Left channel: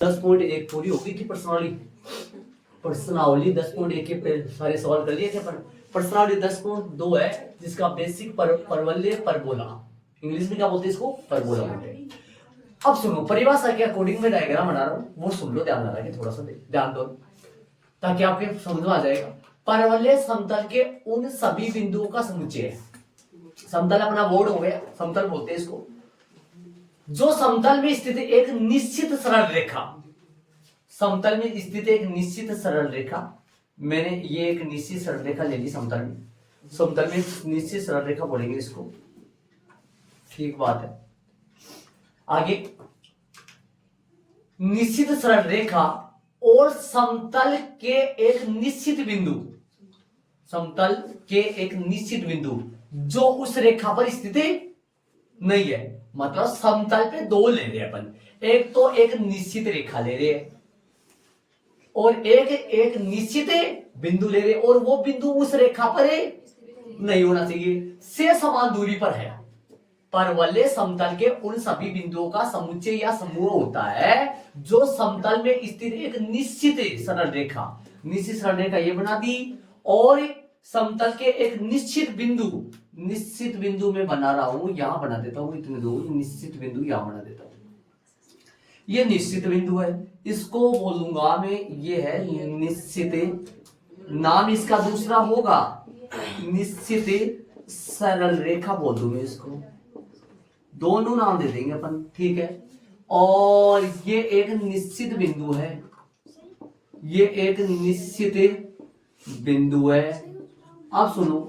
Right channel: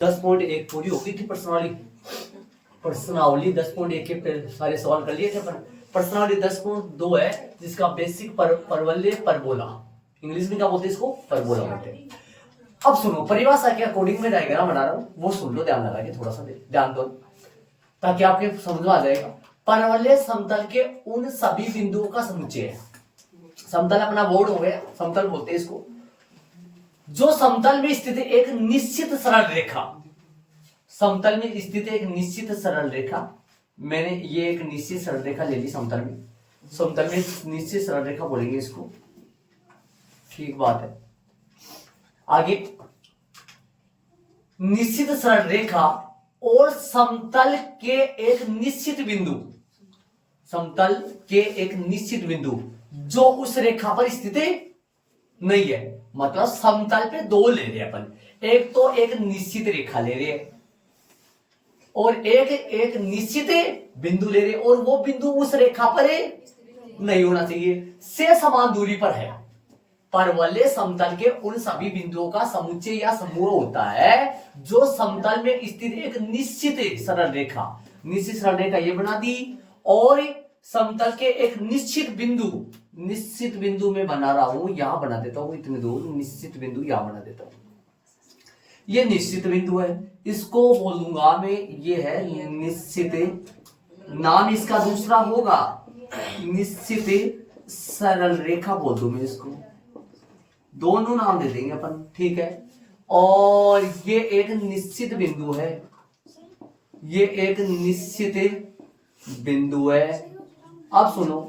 10.1 पूरी हो गई थी प्रश्नावली 10.1 के सारे सवाल कर लिए थे पर प्रश्नावली 10.2 है जिसका बेसिक परवलय परबोला, इंग्लिश में क्या बोलते हैं इसको, परबोला बोलते हैं। अब सुनो, परिभाषा के अकॉर्डिंग में डायग्राम बना रहा हूँ, वो सुन लो ध्यान लगा के, थोड़ा सा ध्यान दो ताकि आपके समझ में आ जाएगा। परवलय समतल के उन सभी बिंदुओं का समुच्चय है। समतल अपना बोर्ड हो गया, समतल बोलते हैं इसको, जो समतल में स्थित एक निश्चित सरल रेखा, समतल में स्थित एक निश्चित सरल रेखा, मैंने ये एक निश्चित सरल रेखा ले ली समतल में, समतल में निश्चित सरल रेखा बोलेंगे इसको, ठीक बात है। आगे, निश्चित सरल रेखा और समतल के एक निश्चित बिंदु, समतल के एक निश्चित बिंदु जो उस रेखा पर स्थित नहीं है, मतलब समतल पे दो ले रहे अपन, एक तो एक निश्चित रेखा ले रहे और एक निश्चित बिंदु ले रहे, और वो बिंदु उस रेखा पर नहीं होना चाहिए, से समान दूरी पर है। परवलय समतल के उन सभी बिंदुओं का समुच्चय या समूह होता है जो समतल में स्थित एक निश्चित सरल रेखा, निश्चित सरल रेखा ये बना दी, और समतल के एक निश्चित बिंदु में बना रहा हूं, यहां बना देता हूं, इतने दूर निश्चित बिंदु यहां बना देता हूं, ये निश्चित बिंदु है, इसको बोलूंगा मैं, ये है निश्चित, नाम इसका दूसरा होगा निश्चित सरल रेखा बोल दूं मैं इसको, दोनों नाम दे देंगे अपन, ठीक है। और ये एक निश्चित बिंदु है, ये एक निश्चित बिंदु है। अब सुनो,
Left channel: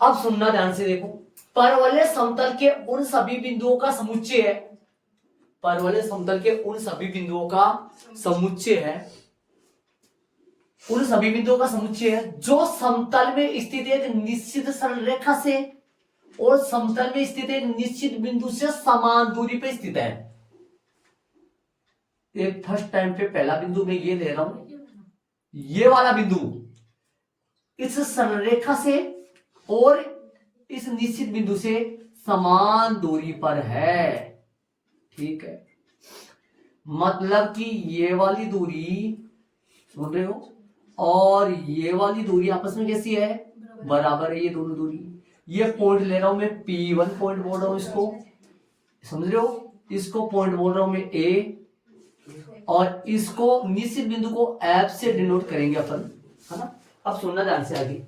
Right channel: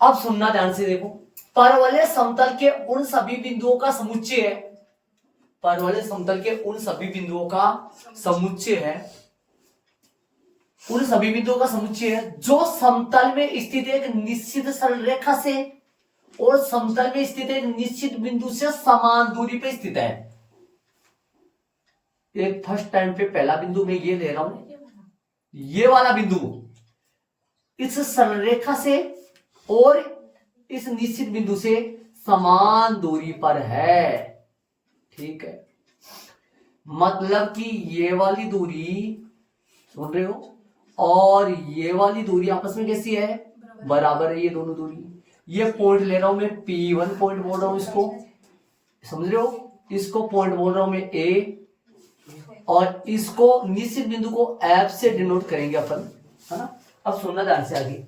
अब सुनना ध्यान से, देखो, परवलय समतल के उन सभी बिंदुओं का समुच्चय है, परवलय समतल के उन सभी बिंदुओं का समुच्चय है, उन सभी बिंदुओं का समुच्चय है जो समतल में स्थित एक निश्चित सरल रेखा से और समतल में स्थित एक निश्चित बिंदु से समान दूरी पर स्थित है। एक फर्स्ट टाइम पे पहला बिंदु मैं ये ले रहा हूं, ये वाला बिंदु इस सरल रेखा से और इस निश्चित बिंदु से समान दूरी पर है, ठीक है। मतलब कि ये वाली दूरी, सुन रहे हो, और ये वाली दूरी आपस में कैसी है, बराबर है, ये दोनों दूरी। ये पॉइंट ले रहा हूं मैं P1 पॉइंट बोल रहा हूं इसको, समझ रहे हो, इसको पॉइंट बोल रहा हूं मैं A, और इसको निश्चित बिंदु को F से डिनोट करेंगे अपन, है ना। अब सुनना ध्यान से आगे,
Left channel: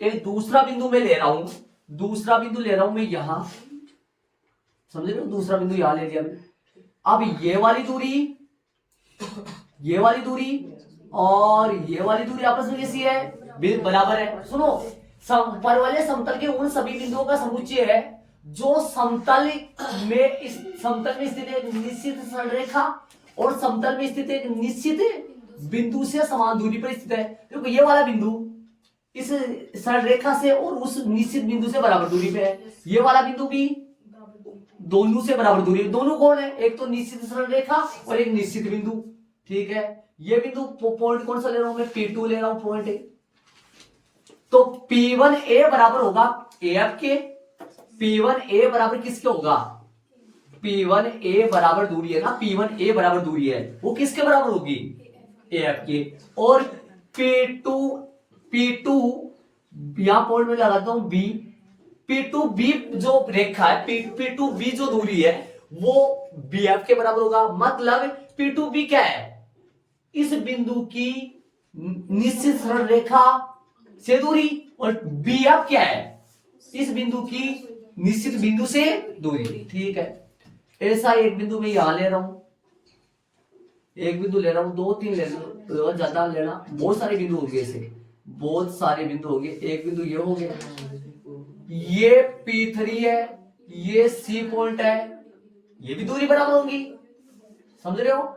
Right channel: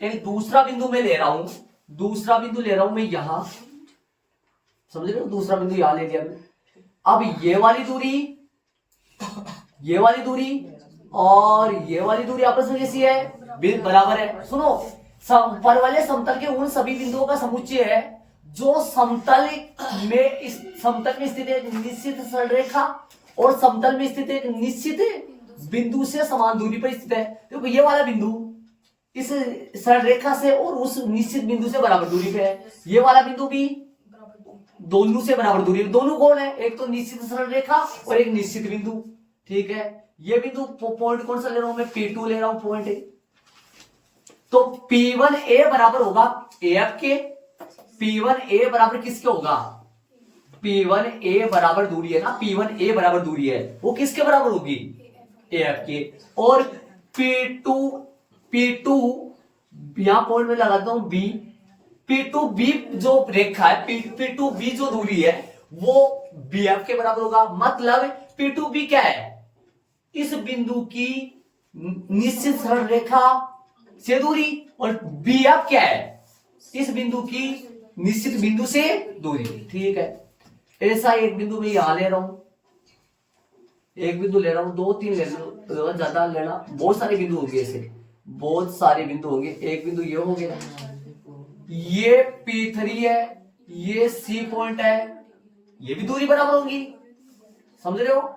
एक दूसरा बिंदु मैं ले रहा हूं, दूसरा बिंदु ले रहा हूं मैं यहां, समझ रहे हो, दूसरा बिंदु यहां ले लिया मैं। अब ये वाली दूरी और ये वाली दूरी आपस में कैसी है, बराबर है। सुनो, परवलय समतल के उन सभी बिंदुओं का समुच्चय है जो समतल में स्थित एक निश्चित सरल रेखा और समतल में स्थित एक निश्चित बिंदु से समान दूरी पर स्थित है। देखो, ये वाला बिंदु इस सरल रेखा से और उस निश्चित बिंदु से बराबर दूरी पे है, ये वाला बिंदु भी दोनों से बराबर दूरी है। दोनों कौन है, एक तो निश्चित सरल रेखा और एक निश्चित बिंदु, ठीक है। ये बिंदु पॉइंट कौन सा ले रहा हूं मैं, P2 ले रहा हूं पॉइंट, तो P1A बराबर होगा AF के, P1A बराबर किसके होगा, P1A बराबर दूरी है ना, P1A बराबर दूरी है, वो किसके बराबर होगी, AF के। और P2 यहां पॉइंट में लगाता हूं B, P2B जो रेखा है, P2B जो दूरी है वो BF के बराबर होगा। मतलब P2B क्या है, इस बिंदु की निश्चित सरल रेखा से दूरी, और BF क्या है, इस बिंदु की निश्चित बिंदु से दूरी, ठीक है। ऐसा एक बिंदु मैं यहां ले रहा हूं, एक बिंदु ले रहा हूं, 2-3 ले लो, ज्यादा लेना, बहुत सारे बिंदु होंगे, ऐसे बहुत सारे बिंदु होंगे। एक बिंदु ये हो गया, ये P3 है, ये C पॉइंट है, ये भी दूरी बराबर होगी, समझ रहे हो।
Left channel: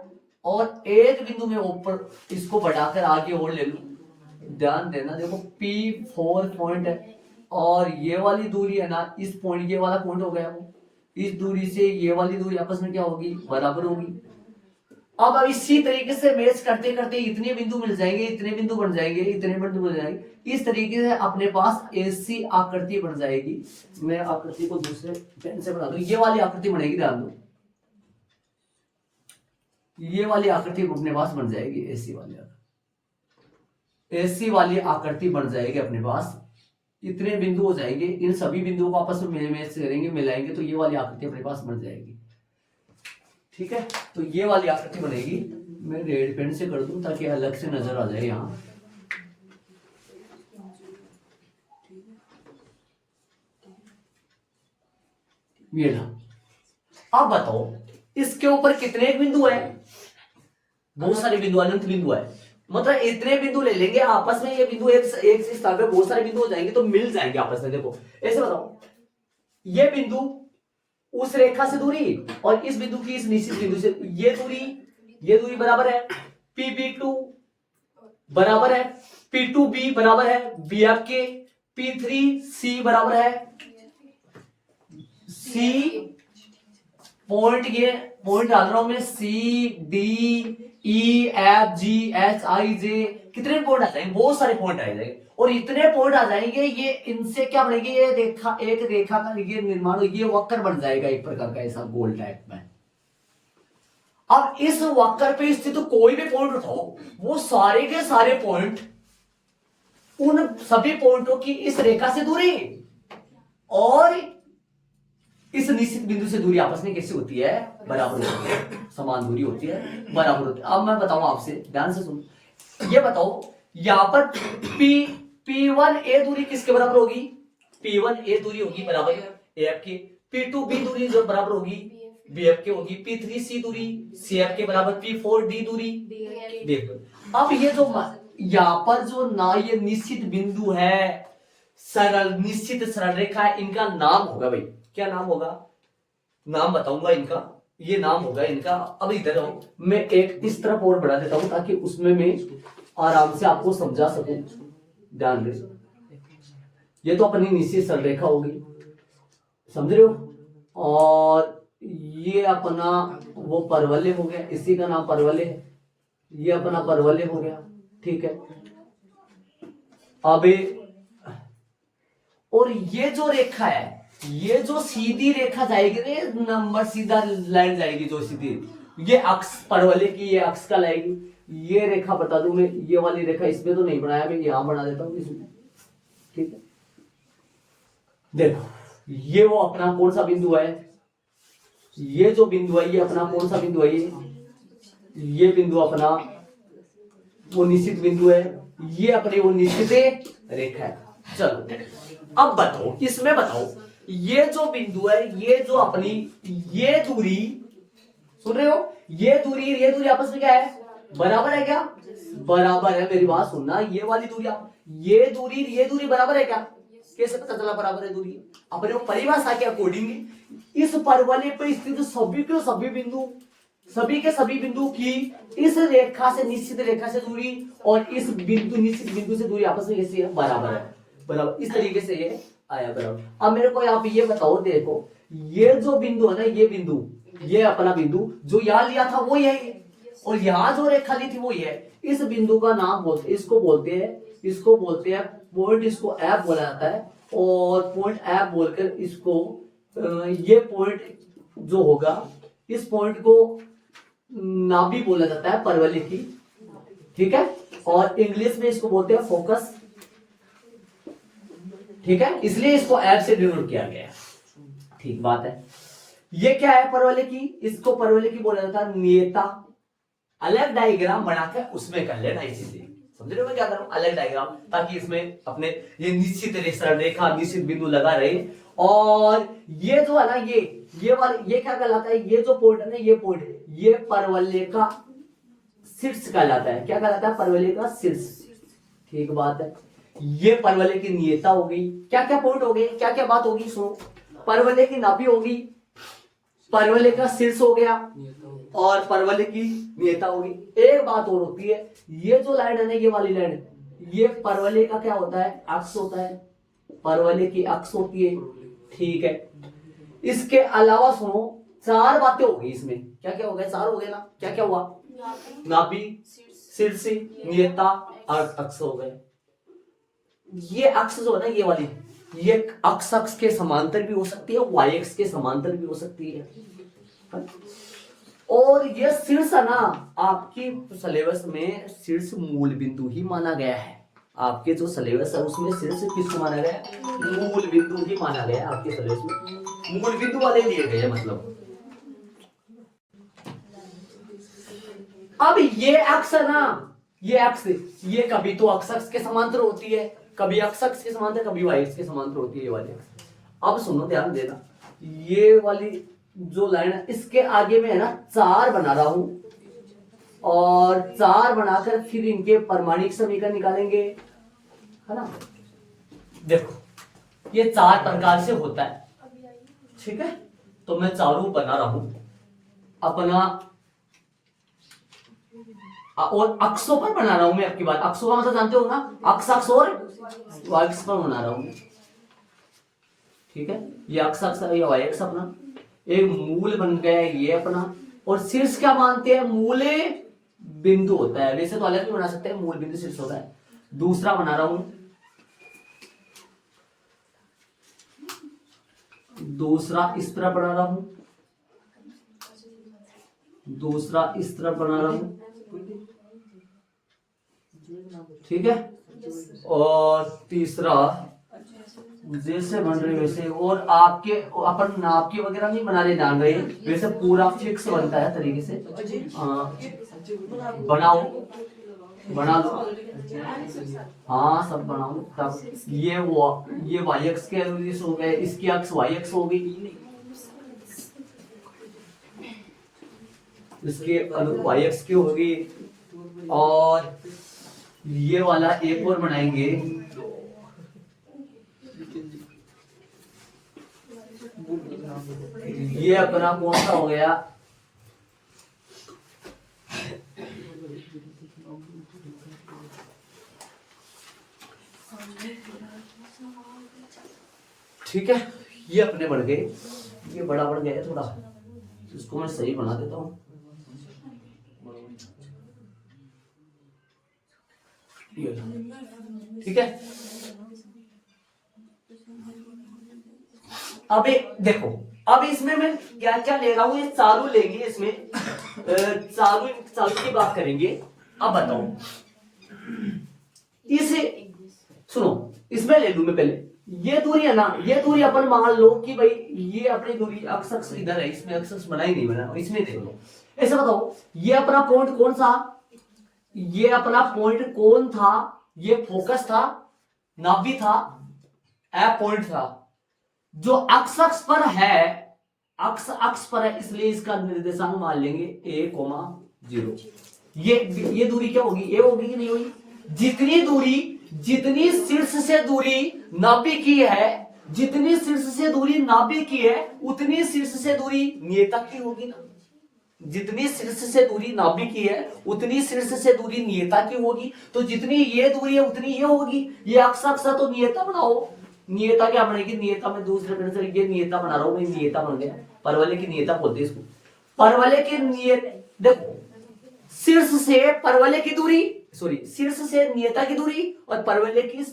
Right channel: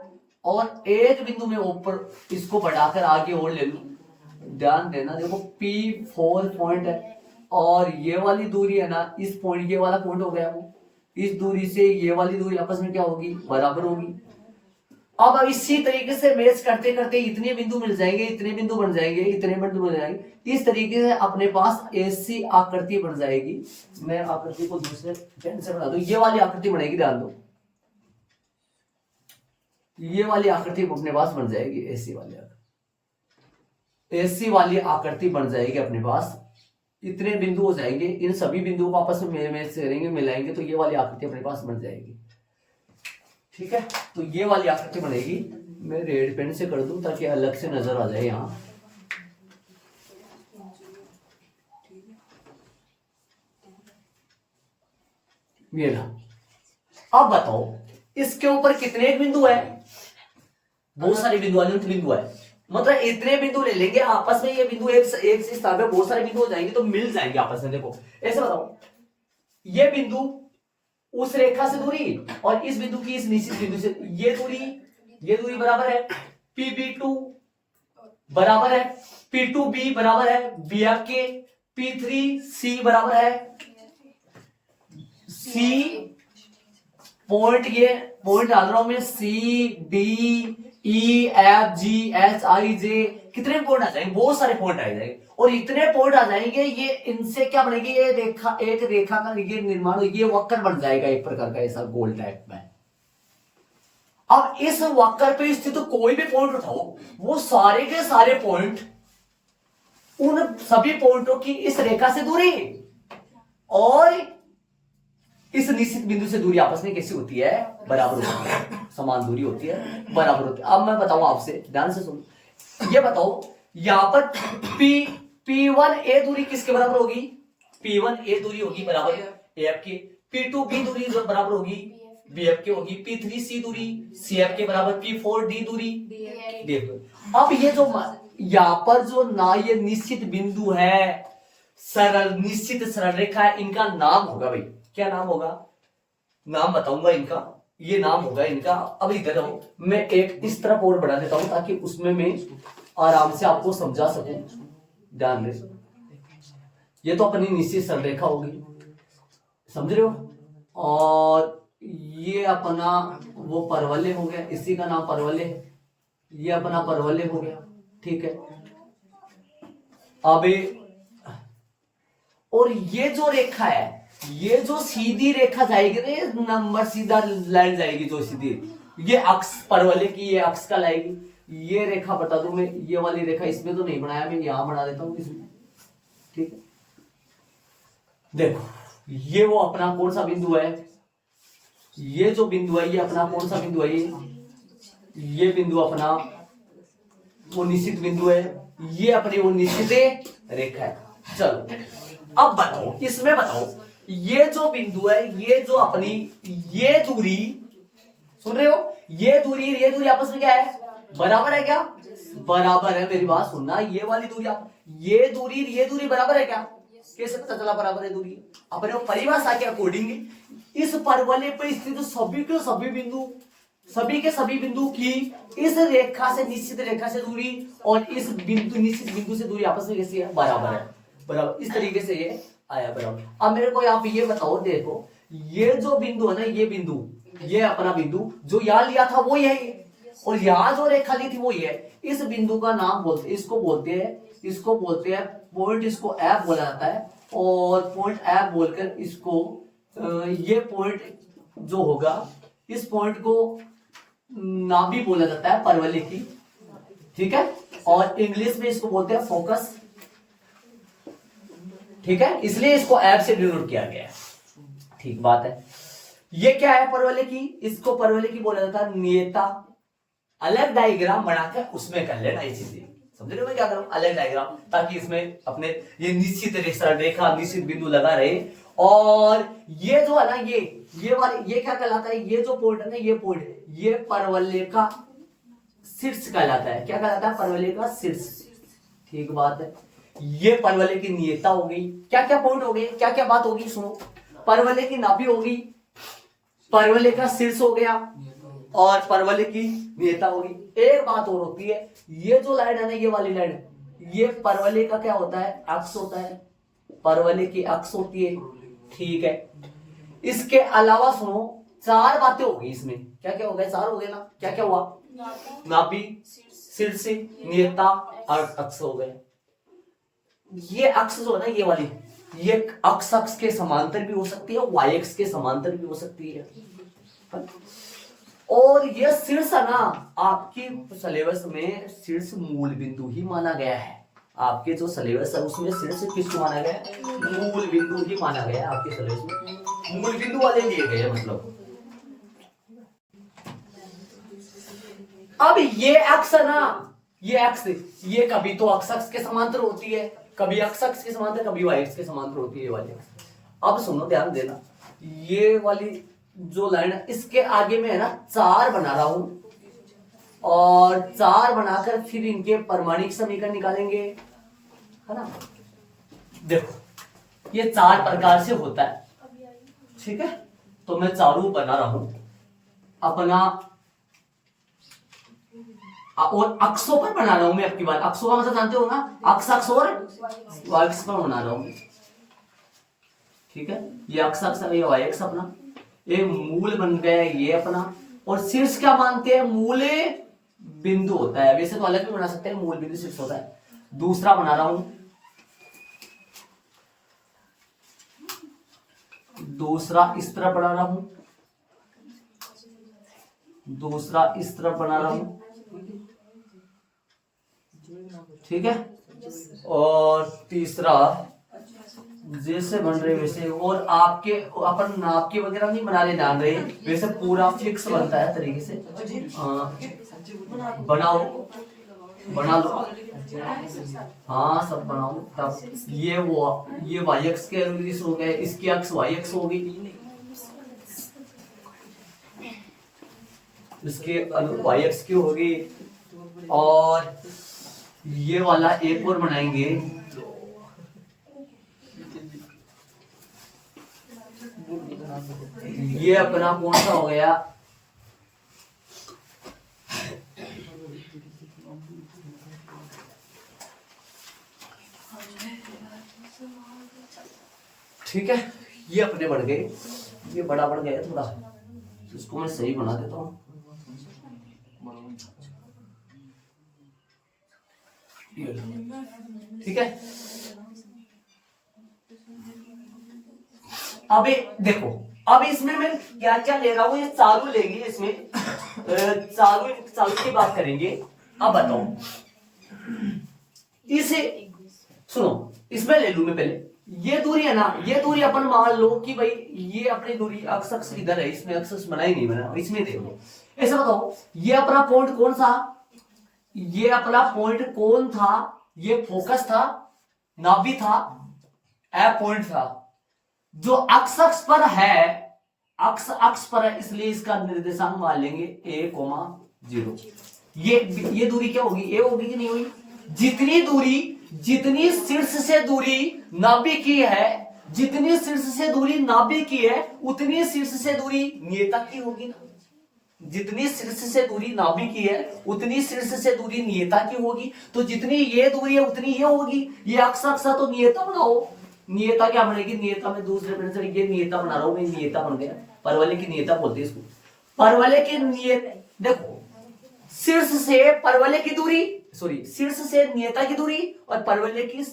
और एक बिंदु में ऊपर इसको बढ़ाकर आगे और ले लूं, ध्यान देना, देखो P4 पॉइंट है, और ये वाली दूरी है ना, इस पॉइंट, ये वाला पॉइंट हो गया वो, इस दूरी से ये वाली दूरी आपस में क्या होगी, बराबर होगी। अब इसी तरीके से मैच करते करते इतने बिंदु मिल जाएंगे, इतने बिंदु बन जाएंगे, इतने बिंदु बन जाएंगे, इस तरीके से अपने पास ऐसी आकृति बन जाएगी। मैं आकृति को दूसरे पेन से बना दूं, ये वाली आकृति बनेगी, ध्यान दो, ये वाली आकृति अपने पास बन जाएगी, ऐसी वाली आकृति, ऐसी वाली आकृति बन जाएगी अपने पास। इतने बिंदु हो जाएंगे, इन सभी बिंदुओं को आपस में करेंगे, मिलाएंगे तो ये वाली आकृति अपने पास बन जाएगी। ठीक है, तो ये वाली आकृति बनेगी। मैं रेड पेन से कर दूं ताकि अलग से नजर आ जाए यहां। ये ना, अब बताओ इसके ऊपर कितने बिंदु है? बहुत सारे बिंदु, अनंत बिंदु है। मतलब इतने बिंदु ले लेंगे आपस में, ये बिंदु एक से स्थान पे बहुत सारे बिंदु हो जाएंगे तो मिल जाएंगे आपस में। देखो ऐसे बताओ, ये बिंदु उस रेखा से दूरी और इस बिंदु की इस निश्चित बिंदु से ये दूरी बराबर है। P2 बराबर है P2B बराबर है BF के। P3C बराबर है C पॉइंट, ये पॉइंट डाल रहा हूं मैं, CDEFGHIJ, कितने पॉइंट आ जाएंगे? बहुत सारे पॉइंट आ जाएंगे। और इतने पॉइंट आ जाएंगे, ये इनसे क्या बनेगी? ये रेखा, एक रेखा का ये निर्माण, ये वक्र बन जाएगा एक प्रकार का ऐसा गोल टाइप में। अब इस वक्र पे स्थित तो कोई भी पॉइंट उठाओ, वो सारे के सारे पॉइंट, उन सभी पॉइंटों की इस रेखा से दूरी और इस निश्चित बिंदु से दूरी आपस में कैसी होती है? बराबर होती है, समान दूरी होती है, बराबर होती है। अब मैं बताऊं आपसे, ध्यान से सुनो, ये बताओ यहां पर P1A दूरी किसके बराबर होगी? P1A दूरी होगी बराबर AF के। P2B दूरी जो बराबर होगी BF के होगी। P3C दूरी CF के बराबर। P4D दूरी DF। अब ये जो यहां पर जो ना, ये निश्चित बिंदु है, सरल निश्चित सरल रेखा है, इनका नाम होगा भाई, क्या नाम होगा? नाम बताऊंगा इनका, ये नाम होगा इनका। अब इधर आओ, मैं एक इस तरफ और बढ़ा देता हूं ताकि उसमें मैं आराम से आपको समझा सकूं। ध्यान दे, ये तो अपनी निश्चित सरल रेखा होगी, समझ रहे हो? और ये अपना वो परवलय हो गया, इसी का नाम परवलय है, ये अपना परवलय हो गया। ठीक है, अब और ये जो रेखा है, ये जो सीधी रेखा जाएगी, नंबर सीधा लाइन जाएगी जो सीधी, ये अक्ष परवलय की, ये अक्ष का लाएगी। ये रेखा बता दूं मैं, ये वाली रेखा इसमें तो नहीं बनाया, मैं यहां बना देता हूं इसमें। ठीक है, देखो ये वो अपना कौन सा बिंदु है? ये जो बिंदु है, ये अपना कौन सा बिंदु है? ये बिंदु अपना वो निश्चित बिंदु है, ये अपनी वो निश्चित रेखा है। चलो अब बताओ, इसमें बताओ ये जो बिंदु है, ये जो अपनी ये दूरी, सुन रहे हो? ये दूरी आपस में क्या है? बराबर है क्या? बराबर है। मेरी बात सुनना, ये वाली दूरी, ये दूरी बराबर है क्या? कैसे पता चला बराबर है दूरी? अपने परिभाषा के अकॉर्डिंग इस परवलय पर स्थित सभी के सभी बिंदु की इस रेखा से, निश्चित रेखा से दूरी और इस बिंदु, निश्चित बिंदु से दूरी आपस में कैसी है? बराबर है। बराबर, इस तरीके से ये आया बराबर। अब मेरे को यहाँ पे ये बताओ, देखो ये जो बिंदु है ना, ये बिंदु, ये अपना बिंदु जो यहां लिया था वो यही, और यहां जो रेखा ली थी वो ये। इस बिंदु का नाम बोलते, इसको बोलते हैं पॉइंट, इसको F बोला जाता है। और पॉइंट F बोलकर इसको, ये पॉइंट जो होगा, इस पॉइंट को नाभि बोला जाता है परवलय की। ठीक है, और इंग्लिश में इसको बोलते हैं फोकस। ठीक है, इसलिए इसको F से डिनोट किया गया है। ठीक बात है। ये क्या है? परवलय की, इसको परवलय की बोला जाता है नियता। अलग डायग्राम बनाकर उसमें कर लेना ये चीजें, समझ रहे हो मैं क्या कर रहा हूं? अलग डायग्राम, ताकि इसमें अपने ये निश्चित रेखा, निश्चित बिंदु लगा रहे। और ये जो है ना, ये वाले, ये क्या कहलाता है? ये जो पॉइंट है ना, ये पॉइंट, ये परवलय का शीर्ष कहलाता है। क्या कहलाता है? परवलय का शीर्ष। ठीक बात है। ये परवलय की नियता हो गई। क्या क्या पॉइंट हो गए, क्या क्या बात होगी? सुनो, परवलय की नाभि होगी, परवलय का शीर्ष हो गया और परवलय की नियता होगी। एक बात और होती है, ये जो लाइन है ना, ये वाली लाइन, ये परवलय का क्या होता है? अक्ष होता है, परवलय की अक्ष होती है। ठीक है, इसके अलावा सुनो, चार बातें हो गई इसमें। क्या क्या हो गया? चार हो गया ना। क्या क्या हुआ? नाभि, शीर्ष, नियता और अक्ष हो गए। ये अक्ष जो है ना, ये वाली, ये अक्ष के समांतर भी हो सकती है, वाई अक्ष के समांतर भी हो सकती है। और ये शीर्ष है ना, आपकी सिलेबस में शीर्ष मूल बिंदु ही माना गया है। आपके जो सिलेबस है उसमें शीर्ष किसको माना गया है? मूल बिंदु ही माना गया है। आपके सिलेबस में मूल बिंदु वाले लिए गए हैं। मतलब अब ये अक्ष है ना, ये अक्ष, ये कभी तो अक्ष के समांतर होती है, कभी अक्ष के समांतर, कभी वाई अक्ष के समांतर होती है ये वाली। अब सुनो, ध्यान देना, ये वाली जो लाइन है इसके आगे में है ना 4 बना रहा हूं, और 4 बनाकर फिर इनके परमाणिक समीकरण निकालेंगे, है ना। देखो ये 4 प्रकार से होता है, ठीक है। तो मैं चारों बना रहा हूं अपना, और अक्षों पर बना रहा हूं मैं। आपकी बात, अक्षों का मतलब जानते हो ना, अक्ष अक्ष और वाई अक्ष पर बना रहा हूं, ठीक है। ये अक्ष अक्ष, ये वाई अक्ष अपना एक मूल बन गया ये अपना। और शीर्ष क्या मानते हैं? मूल बिंदु होता है। वैसे तो अलग भी बना सकते हैं, मूल बिंदु शीर्ष होता है। दूसरा बना रहा हूं, दूसरा इस तरफ बना रहा हूं, दूसरा इस तरफ बना रहा हूं, ठीक है। और तीसरा जैसे बन रहे वैसे, और आपके अपन नाप के वगैरह नहीं बना रहे, जान रहे वैसे पूरा फिक्स बनता है तरीके से। बनाओ, बना लो, हाँ सब बनाओ। तब ये वाई अक्ष के अनुदिश हो गए, इसकी अक्ष वाई अक्ष हो गई, इसके वाई अक्ष की होगी। और ये वाला एक और बनाएंगे, ये अपना कौन सा हो गया? ठीक है, ये अपने बढ़ गए, ये बड़ा बढ़ गया थोड़ा, इसको मैं सही बना देता हूं। ठीक है, अब देखो, अब इसमें मैं क्या क्या ले रहा हूं, ये चालू लेंगे, इसमें चालू की बात करेंगे। अब बताओ, इसे सुनो, इसमें ले लूं मैं पहले, ये दूरी है ना, ये दूरी अपन मान लो कि भाई ये अपनी दूरी अक्ष अक्ष इधर है, इसमें अक्ष बना ही नहीं बना, इसमें देखो ऐसे बताओ, ये अपना पॉइंट कौन सा, ये अपना पॉइंट कौन था? ये फोकस था, नाभि था, ए पॉइंट था, जो अक्ष अक्ष पर है, अक्ष अक्ष पर है, इसलिए इसका निर्देशांक मान लेंगे a,0। ये दूरी क्या होगी? ए होगी कि नहीं होगी? जितनी दूरी, जितनी शीर्ष से दूरी नाभि की है, जितनी शीर्ष से दूरी नाभि की है, उतनी शीर्ष से दूरी नियता की होगी ना। जितनी शीर्ष से दूरी नाभि की है, उतनी शीर्ष से दूरी नियता की होगी। तो जितनी ये दूरी है उतनी ये होगी। ये अक्ष अक्ष तो नियता बनाओ। नियता क्या बनेगी? नियता में दूसरे प्रश्न, ये नियता बना रहा हूं मैं, नियता बन गया। परवलय की नियता बोलते हैं इसको। परवलय की नियत, देखो शीर्ष से परवलय की दूरी, सॉरी शीर्ष से नियता की दूरी, और परवलय की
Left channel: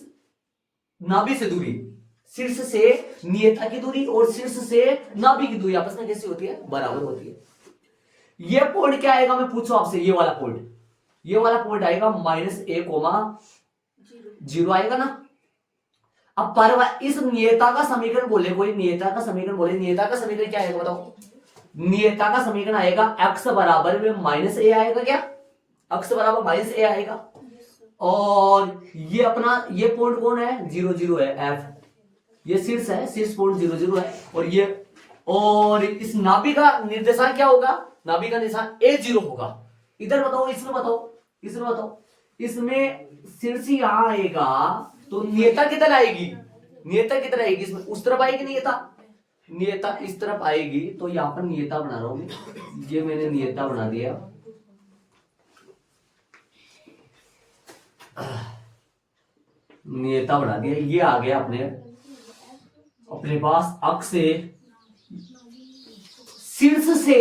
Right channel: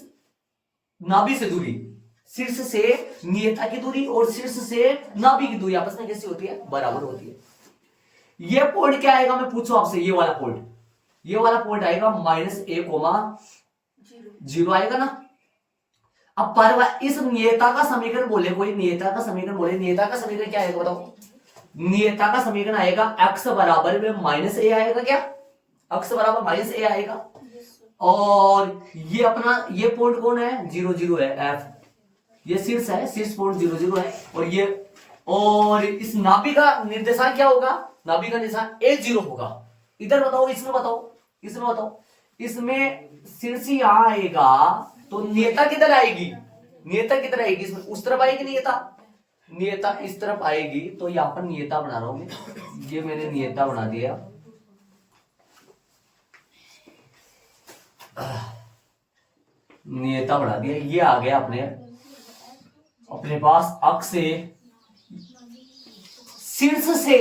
नाभि से दूरी। शीर्ष से नियता की दूरी और शीर्ष से नाभि की दूरी आपस में कैसी होती है? बराबर होती है। ये पॉइंट क्या आएगा? मैं पूछूं आपसे, ये वाला पॉइंट, ये वाला पॉइंट आएगा -a,0 आएगा ना। अब इस नियता का समीकरण बोले कोई, नियता का समीकरण बोले, नियता का समीकरण क्या आएगा बताओ? नियता का समीकरण आएगा x बराबर में -a आएगा। क्या x बराबर -a आएगा? और ये अपना ये पॉइंट कौन है? 0 0 है, f ये शीर्ष है, शीर्ष पॉइंट 0 0 है। और इस नाभि का निर्देशांक क्या होगा? नाभि का निर्देशांक a0 होगा। इधर बताओ, इसमें बताओ, इसमें बताओ, इसमें शीर्ष यहां आएगा तो नियता किधर आएगी? नियता किधर आएगी? इसमें उस तरफ आएगी नियता, नियता इस तरफ आएगी। तो यहां पर नियता बना रहा हूं, ये मैंने नियता बना दिया। नियता बना दिया, ये आ गया अपने पास अक्ष से शीर्ष से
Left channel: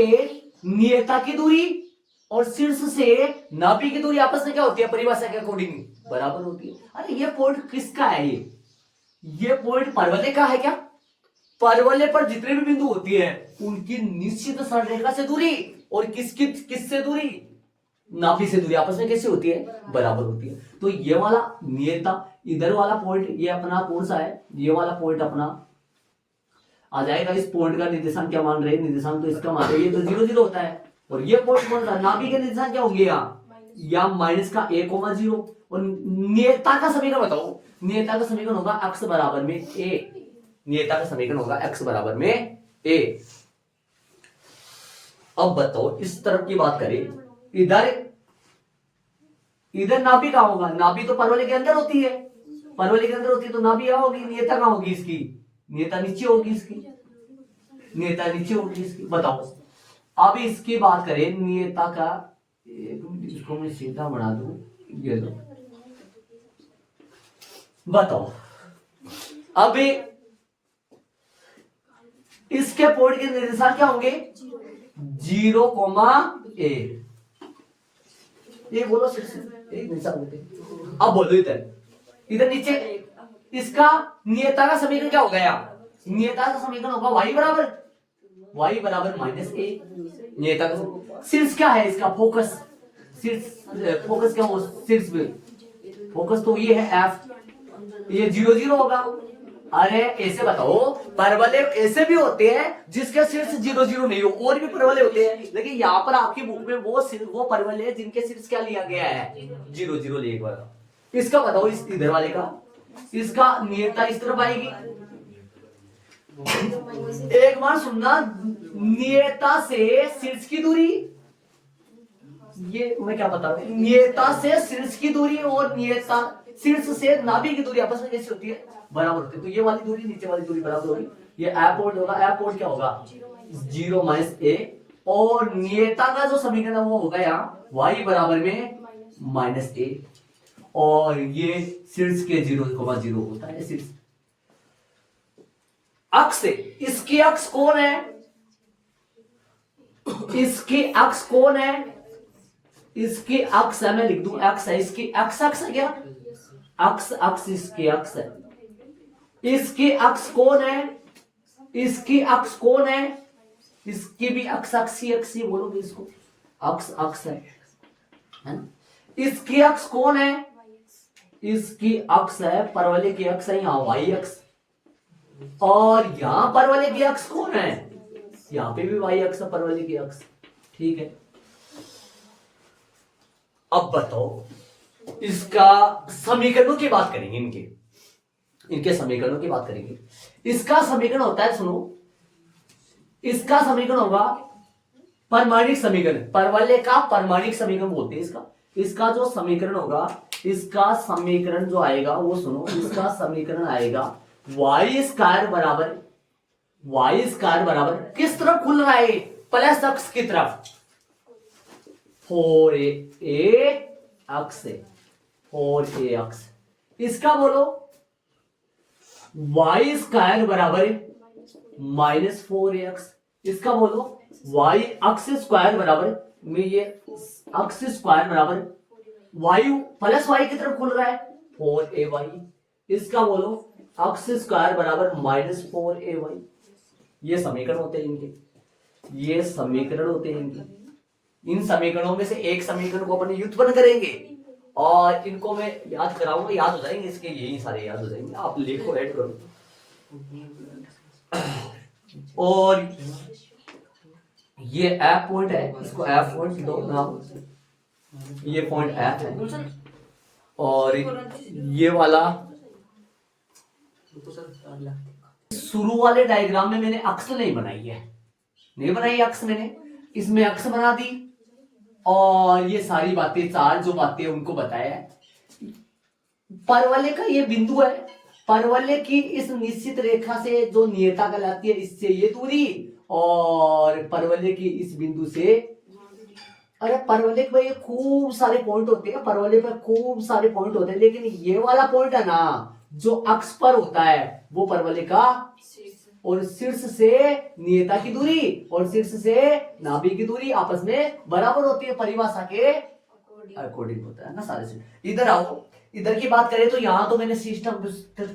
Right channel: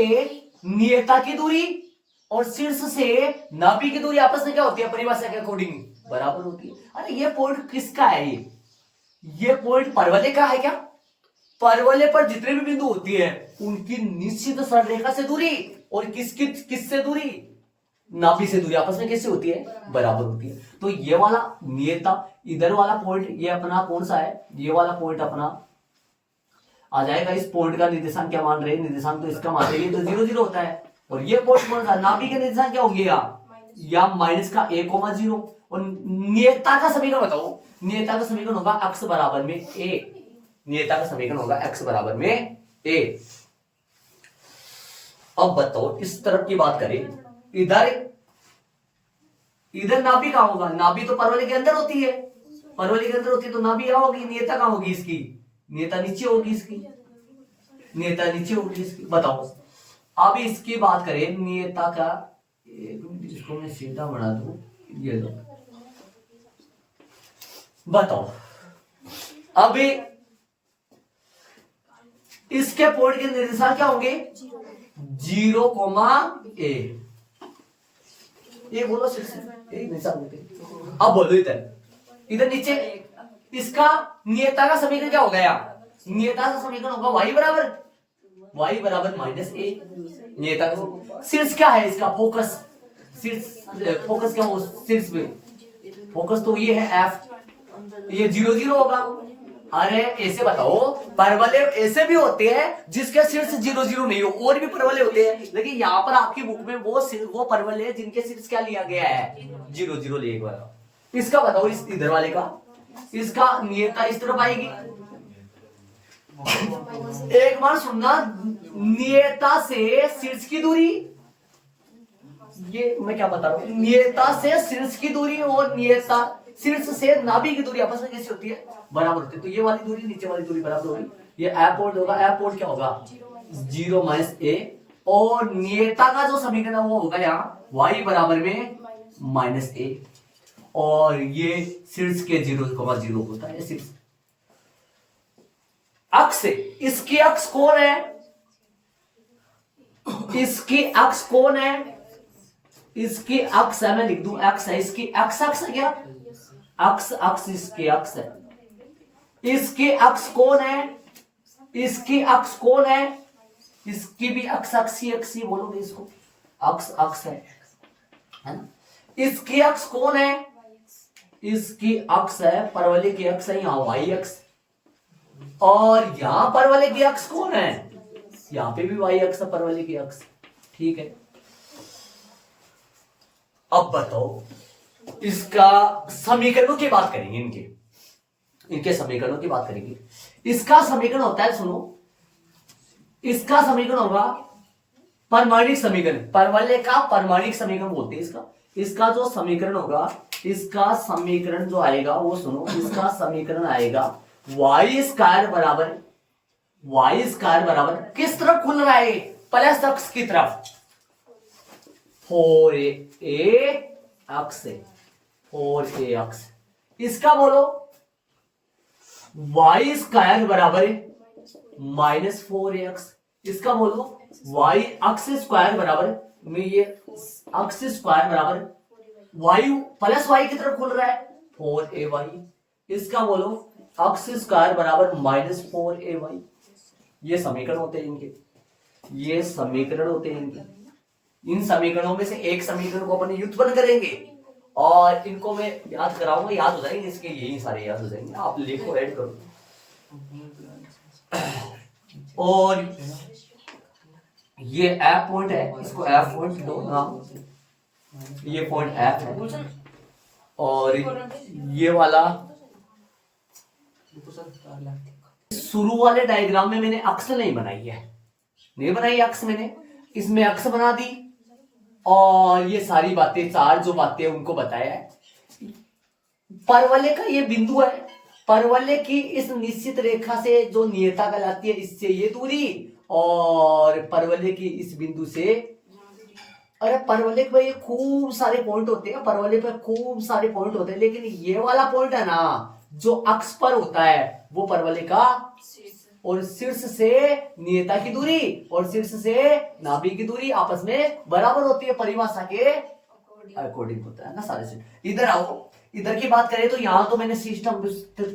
नियता की दूरी और शीर्ष से नाभि की दूरी आपस में क्या होती है? परिभाषा के अकॉर्डिंग बराबर होती है। अरे ये पॉइंट किसका है? ये पॉइंट परवलय का है क्या? परवलय पर जितने भी बिंदु होती है उनकी निश्चित सरलरेखा से दूरी और किससे दूरी, नाभि से दूरी आपस में कैसे होती है, बराबर होती है। तो ये वाला नियता, इधर वाला पॉइंट ये अपना कौन सा है, ये वाला पॉइंट अपना आ जाएगा। इस पॉइंट का निर्देशांक क्या मान रहे हैं, निर्देशांक तो इसका मान रहे हैं, तो 0 0 होता है। और ये पॉइंट कौन सा, नाभि के निर्देशांक क्या होंगे या माइनस का 1,0। और नियता का समीकरण बताओ, नियता का समीकरण होगा x बराबर में a, नियता का समीकरण होगा x बराबर में a। अब बताओ इस तरफ की बात करें, इधर नाभि कहां होगा, नाभि तो परवलय के अंदर होती है, परवलय के अंदर होती है, तो नाभि यहां होगी, नियता कहां होगी इसकी, नियता नीचे होगी इसकी, नियता नीचे होगी इसकी। बताओ अब इसकी बात करें नियता का, एक मिनट इसको मैं सीधा बना दूं, ये लो बताओ। अब इसके पॉइंट के निर्देशांक क्या होंगे, 0,a। ये बोलो सिर्फ अब बोलो इधर नीचे इसका नियता का समीकरण क्या होगा, नियता का समीकरण होगा y बराबर माइनस a। नियता का शीर्ष क्या है इसका, फोकस, शीर्ष फोकस क्या हो, शीर्ष में फोकस तो ये है f, ये 0 0 होगा। अरे ऐसे बताओ, परवलय ऐसे भी होते हैं जिसके शीर्ष 0 0 नहीं हो, और भी परवलय होते हैं, लेकिन यहाँ पर आपकी बुक में वो परवलय है जिनके शीर्ष क्या लिया गया है, 0 0 लिया गया। इसका बताओ, इस इधर वाले का, इसका नियता इस तरफ आएगी। एक बार सुनना, नियता से शीर्ष की दूरी, ये मैं क्या बता रहा हूं, नियता से शीर्ष की दूरी और नियता शीर्ष से नाभि की दूरी आपस में कैसे होती है, बराबर होती है। तो ये वाली दूरी नीचे वाली दूरी बराबर होगी, ये एयरपोर्ट होगा, एयरपोर्ट क्या होगा 0 - a। और नियता का जो समीकरण है वो होगा यहाँ y बराबर में -a, और ये शीर्ष के 0,0 होता है शीर्ष। अक्ष, इसकी अक्ष कौन है, इसकी अक्ष कौन है, इसकी अक्ष है, मैं लिख दूं अक्ष है, इसकी अक्ष है क्या, अक्ष इसकी अक्ष है। इसकी अक्ष कौन है, इसकी अक्ष कौन है, इसकी भी अक्षी बोलोगे इसको, अक्ष है ना। इसकी अक्ष कौन है, इसकी अक्ष है परवलय की अक्ष है, यहां y अक्ष, और यहां परवलय की अक्ष कौन है, यहां पे भी y अक्ष, परवलय की अक्ष, ठीक है। अब बताओ इसका समीकरणों की बात करेंगे, इनके समीकरणों की बात करेंगे। इसका समीकरण होता है, सुनो, इसका समीकरण होगा परमाणिक समीकरण, परवलय का परमाणिक समीकरण बोलते हैं इसका जो समीकरण होगा, इसका समीकरण जो आएगा वो सुनो, इसका समीकरण आएगा y² बराबर किस तरफ खुल रहा है, प्लस अक्ष की तरफ, 4a अक्ष, 4a अक्ष। इसका बोलो y² बराबर -4ax, इसका बोलो y अक्ष स्क्वायर बराबर में, ये अक्ष स्क्वायर बराबर y प्लस y की तरफ खुल रहा है 4ay, इसका बोलो अक्ष स्क्वायर बराबर -4ay। ये समीकरण होते हैं इनके, ये समीकरण होते हैं इनके। इन समीकरणों में से एक समीकरण को अपन व्युत्पन्न करेंगे और इनको मैं याद कराऊंगा, याद हो जाएंगे, इसके यही सारे याद हो जाएंगे, आप लिखो, ऐड करो। और ये एफ पॉइंट है, इसको एफ पॉइंट दो नाम, ये पॉइंट एफ है, और ये वाला शुरू वाले डायग्राम में मैंने अक्ष नहीं बनाई है, नहीं बनाई अक्ष मैंने, इसमें अक्ष बना दी और ये सारी बातें, चार जो बातें उनको बताया है। परवलय का ये बिंदु है, परवलय की इस निश्चित रेखा से जो नियता कहलाती है, इससे ये दूरी, और परवलय की इस बिंदु से, अरे परवलय पे ये खूब सारे पॉइंट होते हैं, परवलय पे खूब सारे पॉइंट होते हैं, लेकिन ये वाला पॉइंट है ना जो अक्ष पर होता है वो परवलय का, और शीर्ष से नियता की दूरी और शीर्ष से नाभि की दूरी आपस में बराबर होती है, परिभाषा के अकॉर्डिंग होता है ना सारे से। इधर आओ, इधर की बात करें तो यहाँ तो मैंने सिस्टम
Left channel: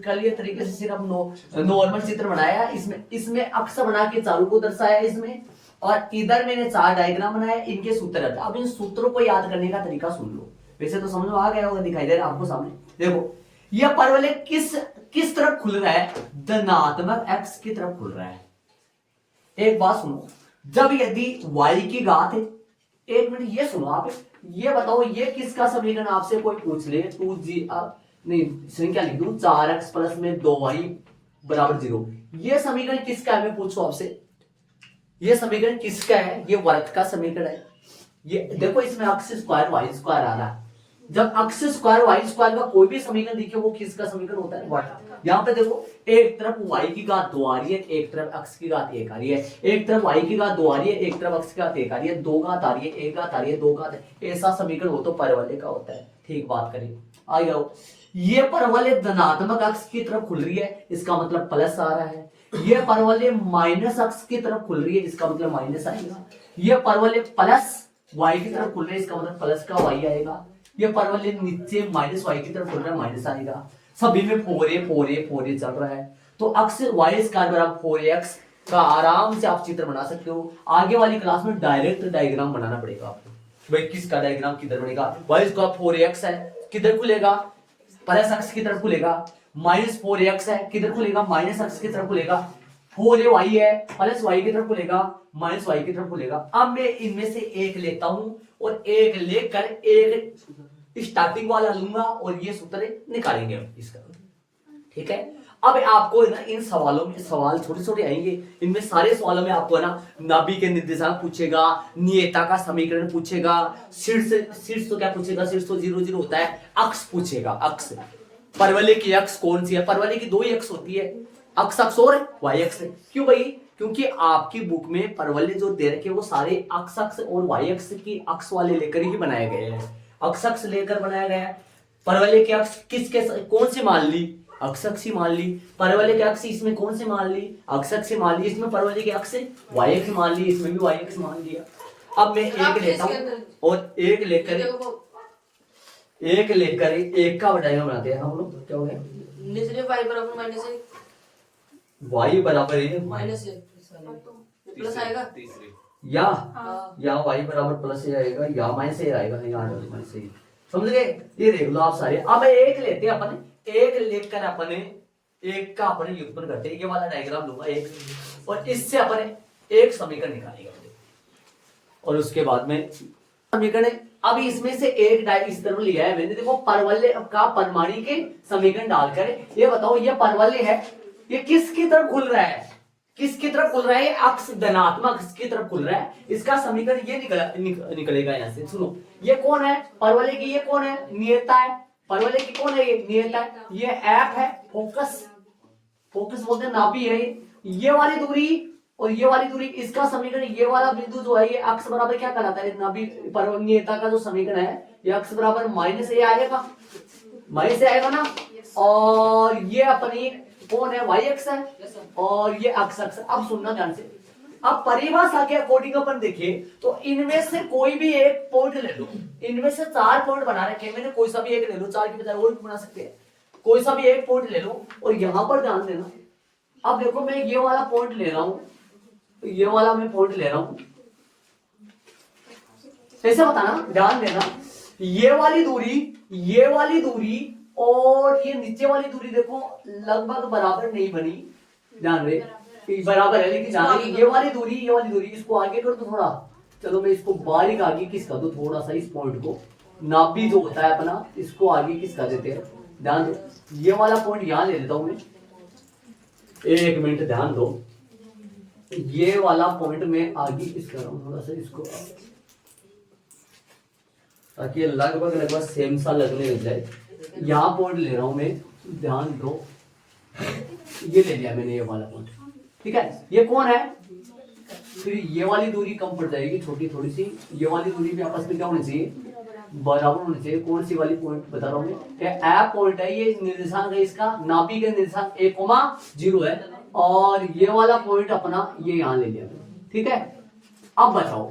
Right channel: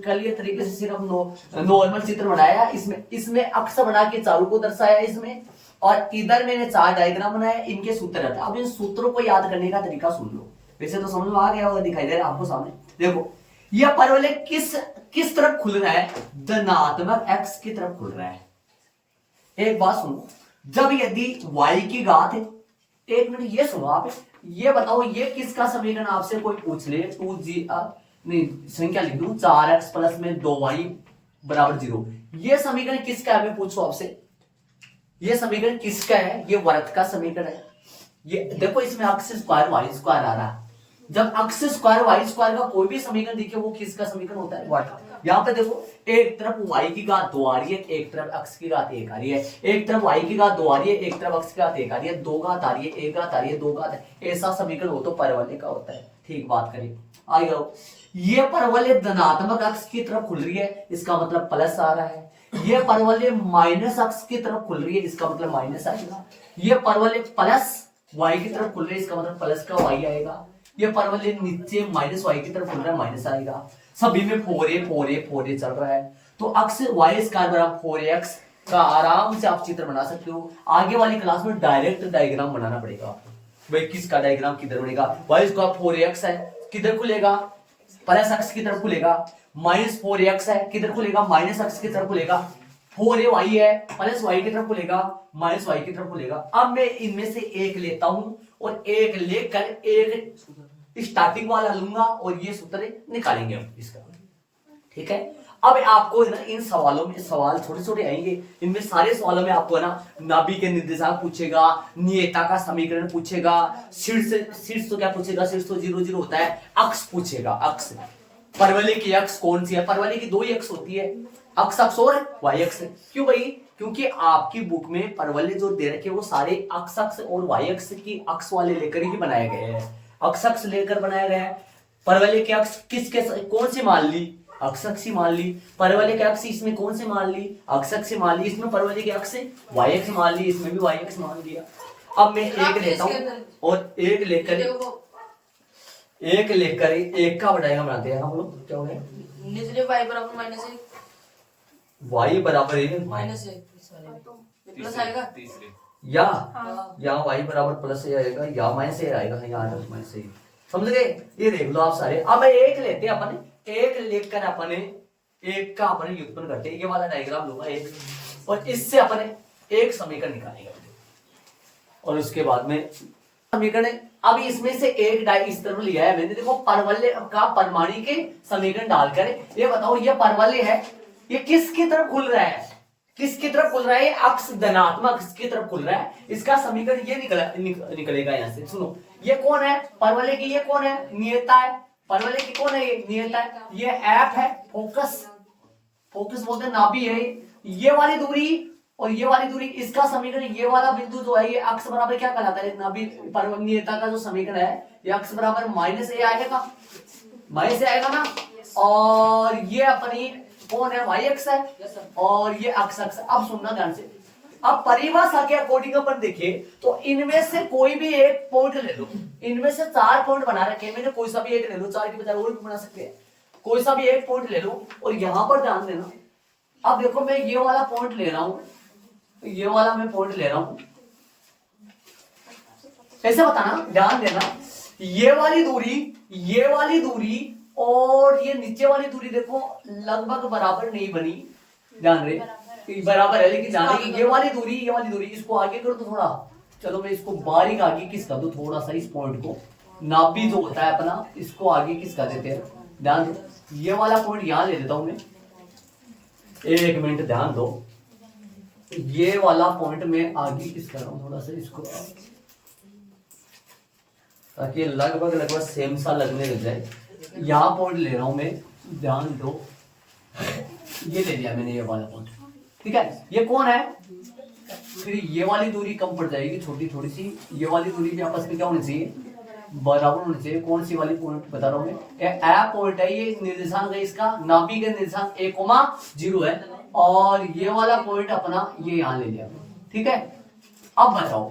कलियर तरीके से सिर्फ नॉर्मल चित्र बनाया, इसमें अक्ष बना के चारों को दर्शाया, इसमें और इधर मैंने 4 डायग्राम बनाए, इनके सूत्र रहते हैं। अब इन सूत्रों को याद करने का तरीका सुन लो, वैसे तो समझ में आ गया होगा, दिखाई दे रहा है आपको सामने। देखो यह परवलय किस तरफ खुल रहा है, धनात्मक x की तरफ खुल रहा है। एक बात सुनो, जब यदि y की घात है, एक मिनट ये सुनो आप, ये बताओ ये किसका समीकरण आपसे कोई पूछ ले, 2g नहीं संख्या लिख दूं 4x प्लस में 2y बराबर 0, ये समीकरण किसका है मैं पूछूं आपसे, ये समीकरण किसका है, ये वर्ग का समीकरण है। ये देखो इसमें x स्क्वायर y स्क्वायर आ रहा है, जब x स्क्वायर y स्क्वायर का कोई भी समीकरण दिखे वो किसका समीकरण होता है, वर्ग। यहाँ पे देखो एक तरफ y की घात 2 आ रही है, एक तरफ x की घात 1 आ रही है, एक तरफ y की घात 2 आ रही है, एक तरफ x की घात 1 आ रही है, 2 घात आ रही है, 1 घात आ रही है, 2 घात है, ऐसा समीकरण हो तो परवलय का होता है। ठीक बात करिए, आ जाओ। ये परवलय धनात्मक x की तरफ खुल रही है, इसका मतलब प्लस आ रहा है। ये परवलय माइनस x की तरफ खुल रही है, इसका मतलब माइनस आएगा। ये परवलय प्लस y की तरफ खुल रही है, इसका मतलब प्लस का y आएगा। ये परवलय नीचे माइनस y की तरफ खुल रहा है, माइनस आएगा। सभी में 4a चल रहा है, तो अक्स y स्क्वायर बराबर 4x का आराम से आप चित्र बना सकते हो। आगे वाली क्लास में डायरेक्ट डायग्राम बनाना पड़ेगा आपको, भाई किसका डायग्राम किधर बनेगा, y स्क्वायर 4x है, किधर खुलेगा, प्लस x की तरफ खुलेगा, माइनस 4x है, किधर खुलेगा, माइनस x की तरफ खुलेगा, 4y है, प्लस y की तरफ खुलेगा, माइनस y की तरफ खुलेगा। अब मैं इनमें से एक लेता हूं और एक लेकर एक स्टार्टिंग वाला लूंगा और ये सूत्र निकालेंगे हम इसका। ठीक है, अब आपको ना इन सवालों में सवाल छोटे छोटे आएंगे, इनमें सारे सवालों में आपको ना नाभि के निर्देशांक पूछेगा, नियता का समीकरण पूछेगा, शीर्ष तो क्या पूछेगा, शीर्ष तो 0 0 होता है, अक्ष पूछेगा, अक्ष परवलय की अक्ष कौन सी है, परवलय की 2 ही अक्ष होती है, अक्ष अक्ष और y अक्ष। क्यों भाई, क्योंकि आपकी बुक में परवलय जो दे रखे वो सारे अक्ष अक्ष और y अक्ष की अक्ष वाले लेकर ही बनाए गए हैं, अक्ष अक्ष लेकर बनाया गया है। परवलय के अक्ष किसके कौन सी मान ली, अक्ष अक्ष मान ली, परवलय के अक्ष इसमें कौन से मान ली, अक्ष अक्ष मान ली, इसमें परवलय के अक्ष y अक्ष मान ली, इसमें भी y अक्ष मान लिया। अब मैं एक लेता हूं और एक लेकर एक का डायग्राम बनाते हैं हम लोग। क्या हो गया, निचले y बराबर माइनस है, y बराबर है माइनस है, प्लस आएगा या y बराबर प्लस से आएगा या माइनस से आएगा, यहाँ माइनस से, समझ गए। ये देख लो आप सारे। अब एक लेते हैं अपन, एक लेकर अपने एक का अपन व्युत्पन्न करते हैं, ये वाला डायग्राम लूंगा एक, और इससे अपन एक समीकरण निकालेंगे और उसके बाद में समीकरण। अब इसमें से एक इस तरफ लिया है मैंने, देखो परवलय का परमाणु के समीकरण डालकर ये बताओ ये परवलय है, ये किसकी तरफ खुल रहा है, किसकी तरफ खुल रहा है, अक्ष धनात्मक अक्ष की तरफ खुल रहा है, इसका समीकरण ये निकलेगा यहाँ से। सुनो ये कौन है, परवलय की ये कौन है, नियता है, परवलय की कौन है, ये नियता है, ये एफ है, फोकस बोलते हैं, नाभि है ये वाली दूरी और ये वाली दूरी, इसका समीकरण ये वाला बिंदु जो है ये अक्ष बराबर क्या कहलाता है, नाभि नियता का जो समीकरण है ये अक्ष बराबर माइनस ए आएगा, माइनस ए आएगा ना, और ये अपनी कौन है, y अक्ष है, और ये अक्ष अक्ष। अब सुनना ध्यान से, अब परिभाषा के अकॉर्डिंग अपन देखें तो इनमें से कोई भी एक पॉइंट ले लो, इनमें से 4 पॉइंट बना रखे हैं मैंने, कोई सा भी एक ले लो, 4 की बजाय वो भी बना सकते हैं, कोई सा भी एक पॉइंट ले लो और यहां पर ध्यान देना। अब देखो मैं ये वाला पॉइंट ले रहा हूं, ये वाला मैं पॉइंट ले रहा हूं, ऐसे बताना, ध्यान देना, ये वाली दूरी और ये नीचे वाली दूरी देखो लगभग बराबर नहीं बनी, ध्यान रहे बराबर है, लेकिन ध्यान रहे ये वाली दूरी इसको आगे कर दो थोड़ा, चलो मैं इसको बारीक आगे किसका दूं थोड़ा सा, इस पॉइंट को नाभि जो होता है अपना इसको आगे किसका देते हैं, ध्यान दो, ये वाला पॉइंट यहां ले लेता हूं मैं, एक मिनट ध्यान दो, ये वाला पॉइंट में आगे किस कर रहा हूं थोड़ा सा इसको, ताकि लगभग सेम सा लगने लग जाए। यहां पॉइंट ले रहा हूं मैं, ध्यान दो, ये ले लिया मैंने ये वाला पॉइंट, ठीक है। ये कौन है, फिर ये वाली दूरी कम पड़ जाएगी छोटी थोड़ी सी, ये वाली दूरी भी आपस में क्या होनी चाहिए, बराबर होनी चाहिए। कौन सी वाली पॉइंट बता रहा हूं मैं, ए पॉइंट है, ये निर्देशांक है इसका, नाभि का निर्देशांक 1,0 है, और ये वाला पॉइंट अपना ये यहां ले लिया, ठीक है। अब बताओ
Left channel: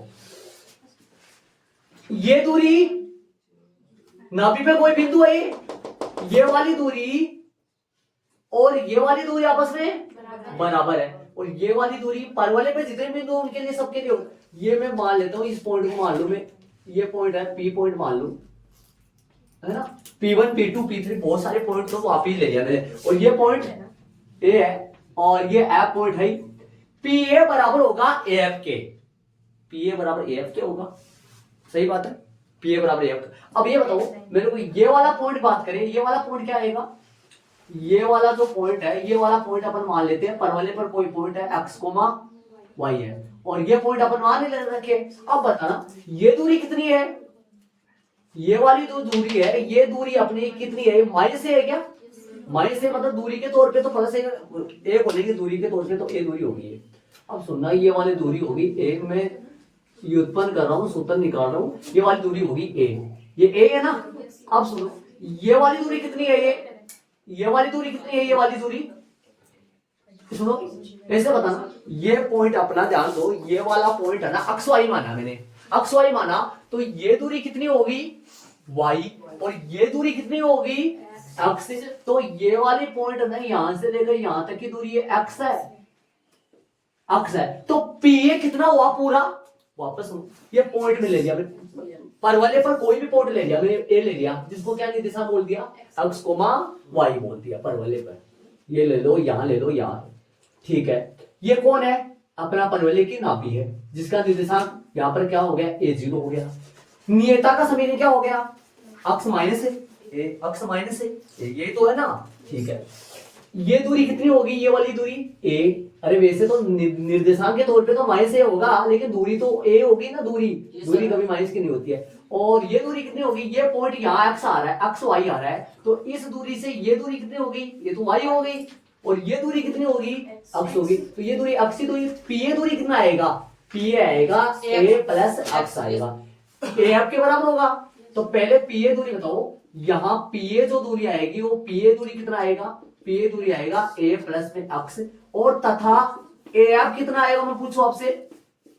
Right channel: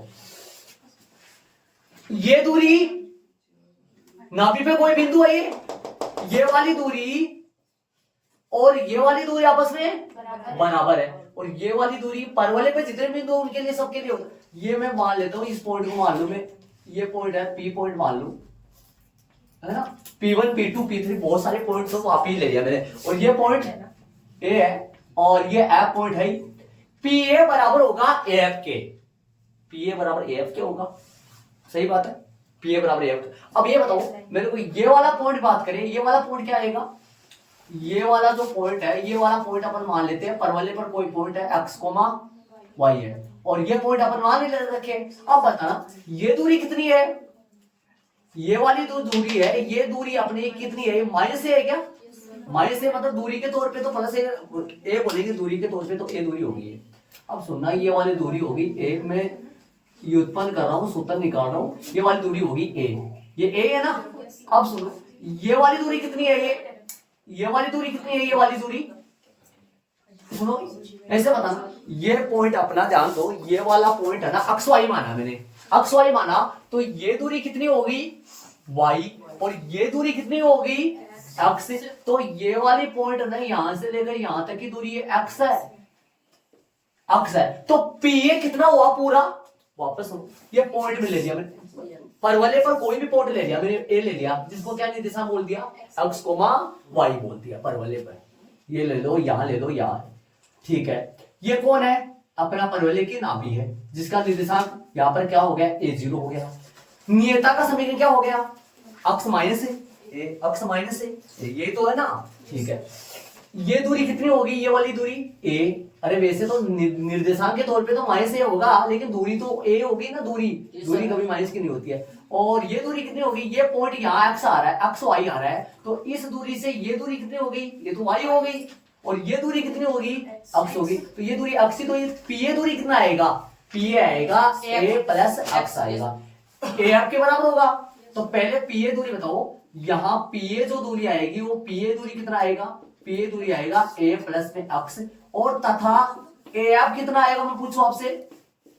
ये दूरी नाभि पे कोई बिंदु है, ये वाली दूरी और ये वाली दूरी आपस में बराबर है, और ये वाली दूरी परवलय पे जितने बिंदु हो उनके लिए सबके लिए होता है। ये मैं मान लेता हूँ, इस पॉइंट को मान लूं मैं, ये पॉइंट है पी पॉइंट मान लूं, है ना, P1 P2 P3 बहुत सारे पॉइंट तो आप ही ले लिया मैंने, और ये पॉइंट ए है और ये एफ पॉइंट है। पी ए बराबर होगा एफ के, पी ए बराबर एफ के होगा, सही बात है, पी ए बराबर एफ। अब ये बताओ मेरे को, ये वाला पॉइंट बात करें, ये वाला पॉइंट क्या आएगा, ये वाला जो पॉइंट है, ये वाला पॉइंट अपन मान लेते हैं परवलय पर कोई पॉइंट है x, y है, और ये पॉइंट अपन मान ही रखे। अब बताना ये दूरी कितनी है, ये वाली जो दूरी है, ये दूरी अपनी कितनी है, माइनस है क्या, माइनस है, मतलब दूरी के तौर पे तो प्लस ए बोलेंगे, दूरी के तौर पे तो ए दूरी होगी। अब सुनना, ये वाली दूरी होगी, एक में व्युत्पन्न कर रहा हूँ, सूत्र निकाल रहा हूँ, ये वाली दूरी होगी ए, ये ए है ना। अब सुनो, ये वाली दूरी कितनी है, ये वाली दूरी कितनी है, ये वाली दूरी सुनो ऐसे बताना, ये पॉइंट अपना ध्यान दो, ये वाला पॉइंट है ना, अक्स वाई माना मैंने, अक्स वाई माना, तो ये दूरी कितनी होगी वाई, और ये दूरी कितनी होगी एक्स। तो ये वाली पॉइंट है ना, यहां से लेकर यहां तक की दूरी है एक्स है, एक्स है। तो पी ए कितना हुआ पूरा, वापस सुनो, ये पॉइंट में ले लिया मैंने, परवलय पर कोई भी पॉइंट ले लिया मैंने, ए ले लिया, जिसको क्या निर्देशांक बोल दिया, एक्स कोमा वाई बोल दिया परवलय पर, ये ले लो, यहां ले लो, यहां, ठीक है। ये कौन है, अपना परवलय की नाभि है, जिसका निर्देशांक यहां पर क्या हो गया, a0 हो गया। नियता का समीकरण क्या हो गया, अक्स माइनस है ए, अक्स माइनस है, यही तो है ना, ठीक है। ये दूरी कितनी होगी, ये वाली दूरी a, अरे वैसे तो निर्देशांक के तौर पे तो माइनस ए होगा, लेकिन दूरी तो a होगी ना, दूरी कभी माइनस की नहीं होती है। और ये दूरी कितनी होगी, ये पॉइंट यहाँ x आ रहा है, x y आ रहा है, तो इस दूरी से ये दूरी कितनी होगी, ये तो y हो गई, और ये दूरी कितनी होगी, x होगी, तो ये दूरी x, तो ये पी दूरी कितना आएगा, पी आएगा a प्लस x आएगा, a आपके बराबर होगा। तो पहले पी दूरी बताओ, यहाँ पी जो दूरी आएगी वो पी दूरी कितना आएगा, पी दूरी आएगा a प्लस में x, और तथा ए एफ कितना आएगा, मैं पूछूं आपसे,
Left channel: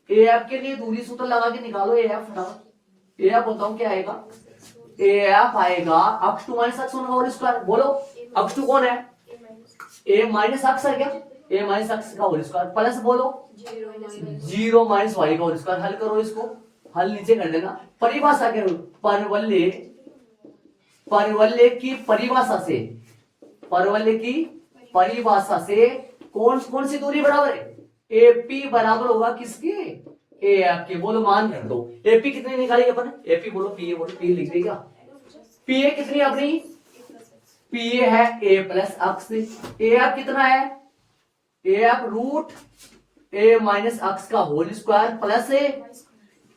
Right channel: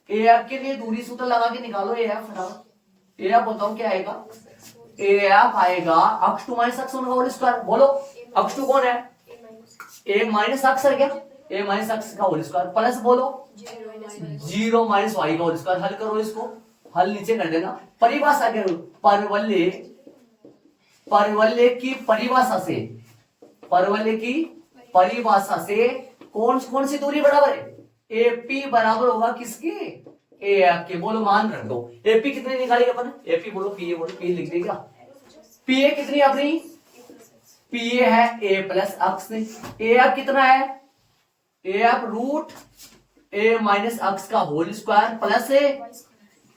ए एफ के लिए दूरी सूत्र लगा के निकालो, ए एफ ए एफ बताओ क्या आएगा, ए एफ आएगा x two minus X whole square, बोलो x टू कौन है, ए माइनस एक्स है क्या, ए माइनस एक्स का होल स्क्वायर, प्लस बोलो 0 माइनस वाई का होल स्क्वायर। हल करो इसको, हल नीचे कर देना, परिभाषा के परवलय की परिभाषा से, परवलय की परिभाषा से कौन कौन सी दूरी बराबर है, एपी बराबर होगा किसके, ए एफ के, बोलो मान रख दो, एपी कितनी निकाली अपन, एपी बोलो, पी ए बोलो, पी लिख देगा, पी ए कितनी अपनी, पी ए है a plus x, A F कितना है, A F root a minus x का whole square plus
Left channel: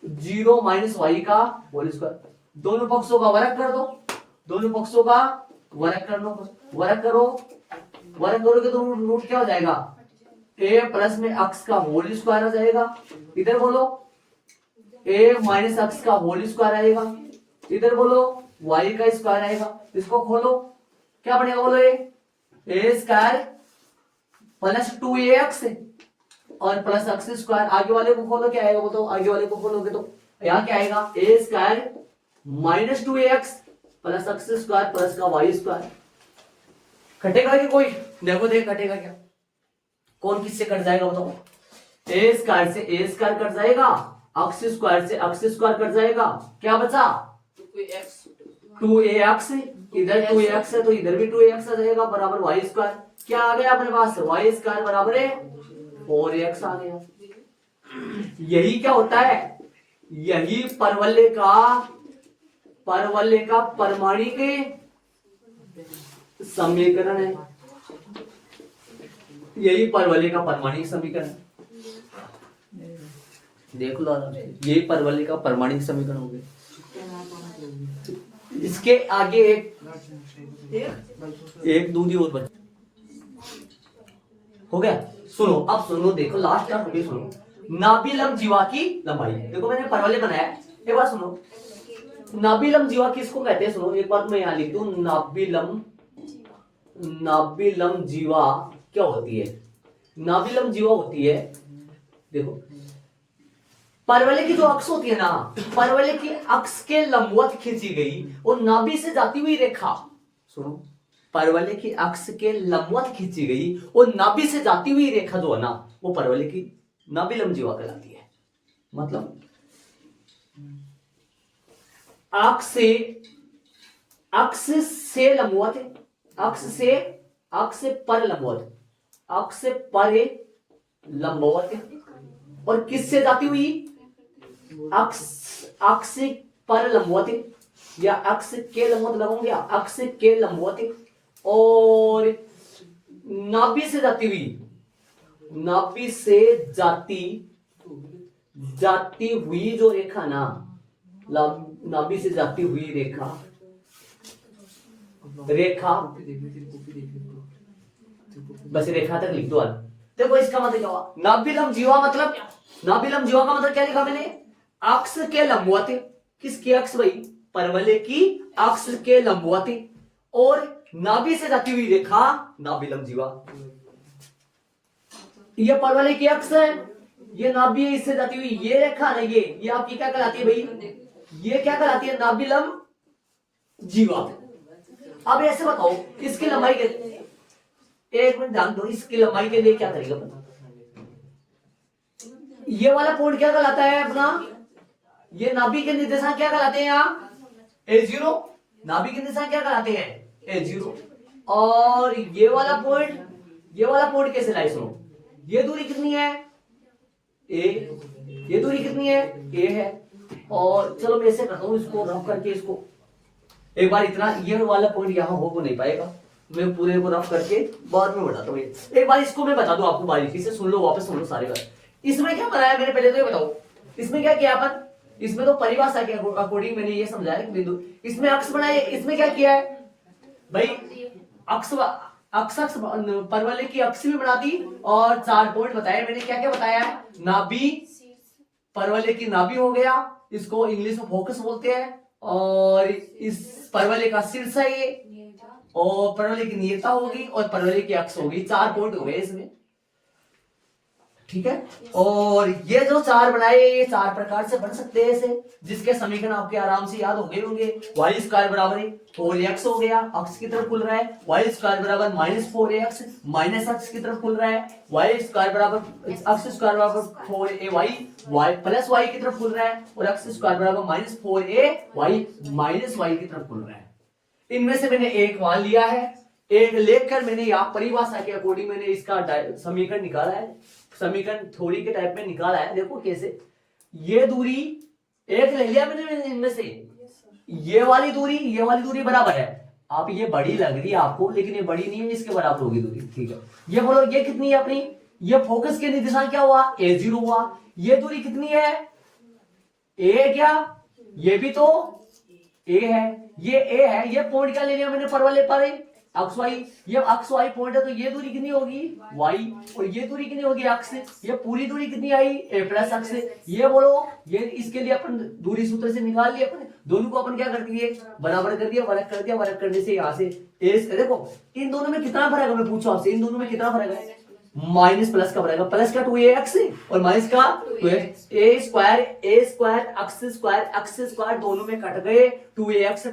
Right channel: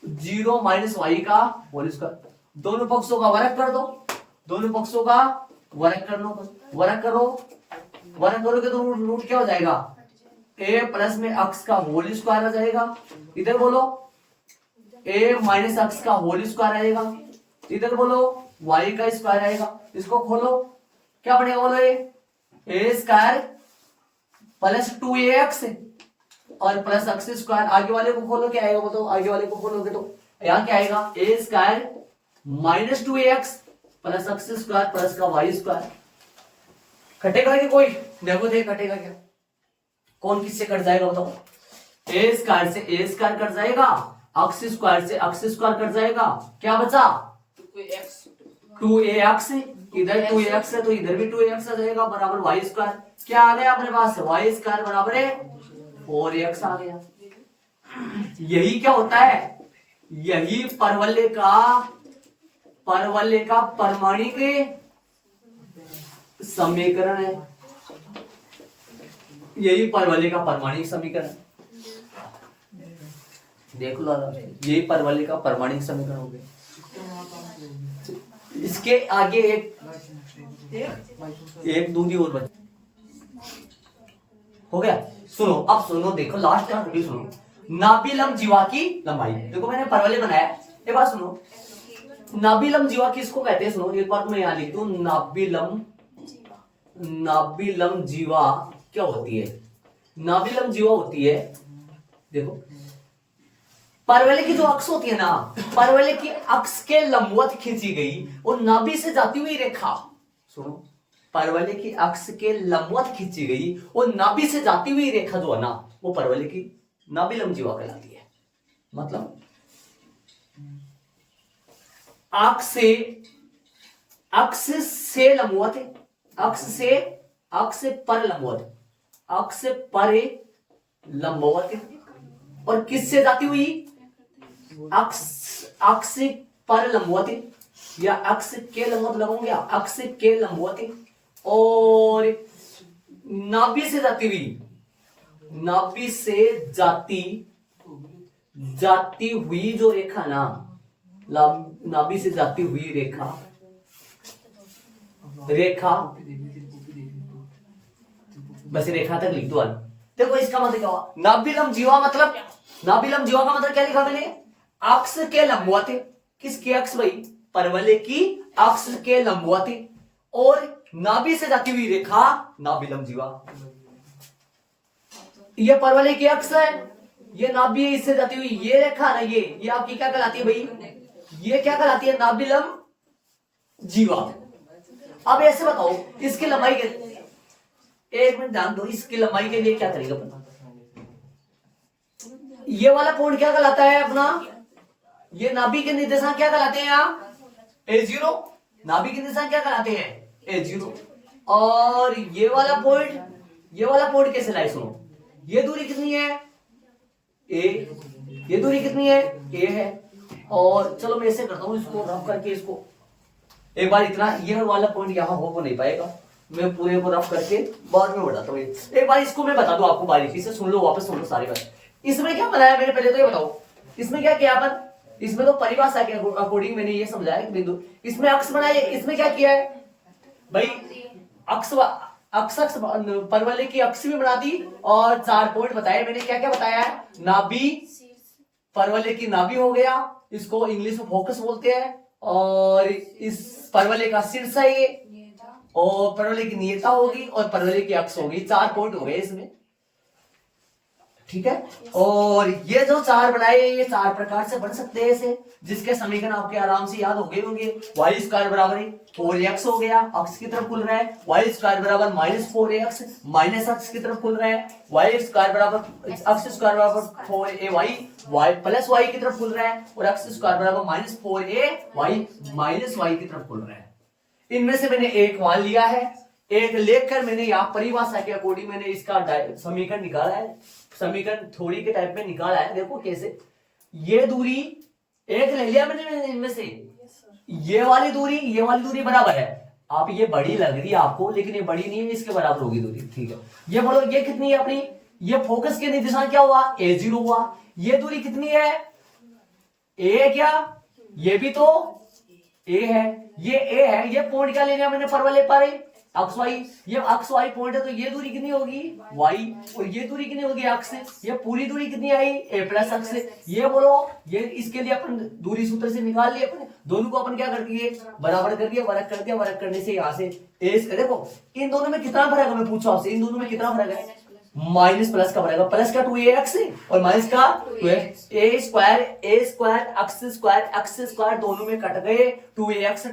0 minus Y का होल स्क्वायर, दोनों पक्षों का वर्ग कर दो, दोनों पक्षों का वर्ग कर लो, वर्ग करो, वर्ग करोगे तो रूट क्या हो जाएगा, ए प्लस में एक्स का होल स्क्वायर आ जाएगा, इधर बोलो ए माइनस एक्स का होल स्क्वायर आएगा, इधर बोलो वाई का स्क्वायर आएगा, इसको खोलो क्या बनेगा, बोलो ए स्क्वायर प्लस 2ax और प्लस एक्स स्क्वायर, आगे वाले को खोलो क्या आएगा, बताओ आगे वाले को खोलोगे तो यहाँ क्या आएगा, a square minus 2ax plus x square plus का वाई स्क्वायर। कटेगा कि कोई, देखो देख कटेगा क्या, कौन किससे कट जाएगा बताओ, ए स्क्वायर से ए स्क्वायर कट जाएगा, एक्स स्क्वायर से एक्स स्क्वायर कट जाएगा, क्या बचा 2ax, इधर 2ax है तो इधर भी 2ax आ जाएगा, बराबर वाई स्क्वायर, क्या आ गया अपने पास, वाई स्क्वायर बराबर है 4x आ गया। यही क्या होता है, यही परवलय का परमाणिक समीकरण है, यही परवलय का परमाणिक समीकरण, देख लो यही परवलय का परमाणिक समीकरण हो गया। इसके आगे एक दूरी और बच हो गया। सुनो अब सुनो, देखो लास्ट का भी सुनो, नाभिलंब जीवा की लंबाई, देखो मैंने परवलय बनाया, एक बार सुनो, नाभिलंब जीवा किसको कहते हैं, सुनो एक बार मैं यहां लिख दूं, नाभिलंब जीवा क्या होती है, नाभिलंब जीवा होती है, देखो परवलय की जो अक्ष होती है ना, परवलय की अक्ष के लंबवत खींची गई और नाभि से जाती हुई रेखा, सुनो परवलय की अक्ष के लंबवत खींची गई और नाभि से जाती हुई रेखा जो है ना, वो परवलय की नाभि लंब जीवा कहलाती है। मतलब अक्ष से लंबवत है, अक्ष से पर लंबवत है, अक्ष से परे लंबवत है, और किससे जाती हुई अक्ष पर लंबवत है या अक्ष के लंबवत लगाऊंगे, अक्ष के लंबवत है, और नाभि से जाती हुई, नाभि से जाती हुई जो रेखा ना, नाभि से जाती हुई रेखा बस रेखा तक लिख दो। देखो इसका मतलब क्या हुआ, नाभि लंब जीवा मतलब, नाभि लंब जीवा का मतलब क्या लिखा मैंने, अक्ष के लंबवत, किसके अक्ष भाई, परवलय की अक्ष के लंबवत, और नाभि से जाती हुई रेखा नाभि लंब जीवा। ये परवलय की अक्ष है, ये नाभि इससे जाती हुई ये रेखा ना, ये आपकी क्या कहलाती है भाई, ये क्या कहलाती है, नाभि लंब जीवा। अब ऐसे बताओ इसकी लंबाई के, एक मिनट ध्यान दो, इसकी लंबाई के लिए क्या करेगा अपना, ये वाला पॉइंट क्या कहलाता है अपना, ये नाभि के निर्देशांक क्या कहलाते हैं यहाँ, A0, नाभि के निर्देशांक क्या कहलाते हैं A0, और ये वाला पॉइंट कैसे लाए, सुनो, ये दूरी कितनी है A, ये दूरी कितनी है A है, और चलो मैं ऐसे करता हूं इसको रफ करके, इसको एक बार इतना, ये वाला पॉइंट यहां हो नहीं पाएगा, मैं पूरे को रफ करके बाद में बताता हूँ। एक बार इसको मैं बता दूं आपको, बारीकी से सुन लो, वापस सुन लो सारी बात। इसमें क्या बनाया मैंने, पहले तो ये बताओ इसमें क्या किया अपन, इसमें तो परिभाषा के अकॉर्डिंग मैंने ये समझाया कि बिंदु, इसमें अक्ष बनाए, इसमें क्या किया है भाई, अक्ष परवलय की अक्ष भी बना दी, और 4 पॉइंट बताए मैंने, क्या क्या बताया है, नाभि, परवलय की नाभि हो गया, इसको इंग्लिश में फोकस बोलते हैं, और इस परवलय का शीर्ष है ये, और परवलय की नियता होगी, और परवलय की अक्ष होगी, 4 पॉइंट हो गए इसमें, ठीक है। और ये जो 4 बनाए, ये 4 प्रकार से बन सकते हैं ऐसे, जिसके समीकरण आपके आराम से याद हो गए होंगे। वाई स्क्वायर बराबर 4x हो गया, अक्ष की तरफ खुल रहा है, वाई स्क्वायर बराबर -4ax, माइनस अक्ष की तरफ खुल रहा है, वाई स्क्वायर बराबर अक्ष स्क्वायर बराबर 4ay, वाई प्लस वाई की तरफ खुल रहा है, और अक्ष स्क्वायर बराबर -4ay माइनस वाई की तरफ खुल रहा है। इनमें से मैंने एक मान लिया है, एक लेकर मैंने यहाँ परिभाषा के अकॉर्डिंग मैंने इसका समीकरण निकाला है, समीकरण थोड़ी के टाइप में निकाला है। देखो कैसे, ये दूरी एक ले लिया मैंने इनमें से, ये वाली दूरी बराबर है, आप ये बड़ी लग रही है आपको, लेकिन ये बड़ी नहीं है, इसके बराबर होगी दूरी, ठीक है। ये बोलो ये कितनी है अपनी, ये फोकस के निर्देशांक क्या हुआ, A0 हुआ, ये दूरी कितनी है A, क्या ये भी तो A है, ये A है, ये पॉइंट क्या ले लिया मैंने परवलय पर अक्ष वाई, ये अक्ष वाई पॉइंट है, तो ये दूरी कितनी होगी y, और ये दूरी कितनी होगी अक्ष से, ये पूरी दूरी कितनी आई a प्लस अक्ष से। ये बोलो, ये इसके लिए अपन दूरी सूत्र से निकाल लिए, अपने दोनों को अपन क्या कर दिए, बराबर कर दिया, वर्ग कर दिया, वर्ग करने से यहाँ से देखो इन दोनों में कितना फर्क है, मैं पूछा आपसे इन दोनों में कितना फर्क है, माइनस प्लस का बनेगा, प्लस का 2ax और माइनस का 2x, a स्क्वायर अक्ष स्क्वायर दोनों में कट गए, 2ax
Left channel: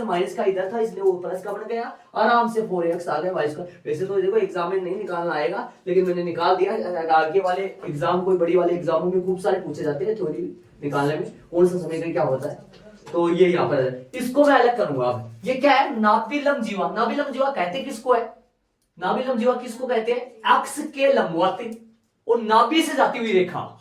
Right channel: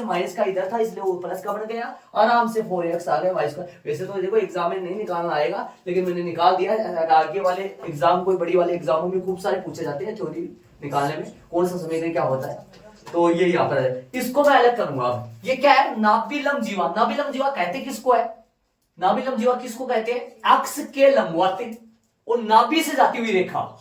माइनस का इधर था इसलिए वो प्लस का बन गया, आराम से 4x आ गया वाई स्क्वायर। वैसे तो देखो एग्जाम में नहीं निकालना आएगा, लेकिन मैंने निकाल दिया। आगे वाले एग्जाम, कोई बड़ी वाले एग्जामों में खूब सारे पूछे जाते हैं थ्योरी निकालने में, कौन सा समीकरण क्या होता है, तो ये यहाँ पर है, इसको मैं अलग करूंगा। ये क्या है, नाभि लंब जीवा। नाभि लंब जीवा कहते किसको है, नाभि लंब जीवा किसको कहते हैं, अक्ष के लंबवत और नाभि से जाती हुई रेखा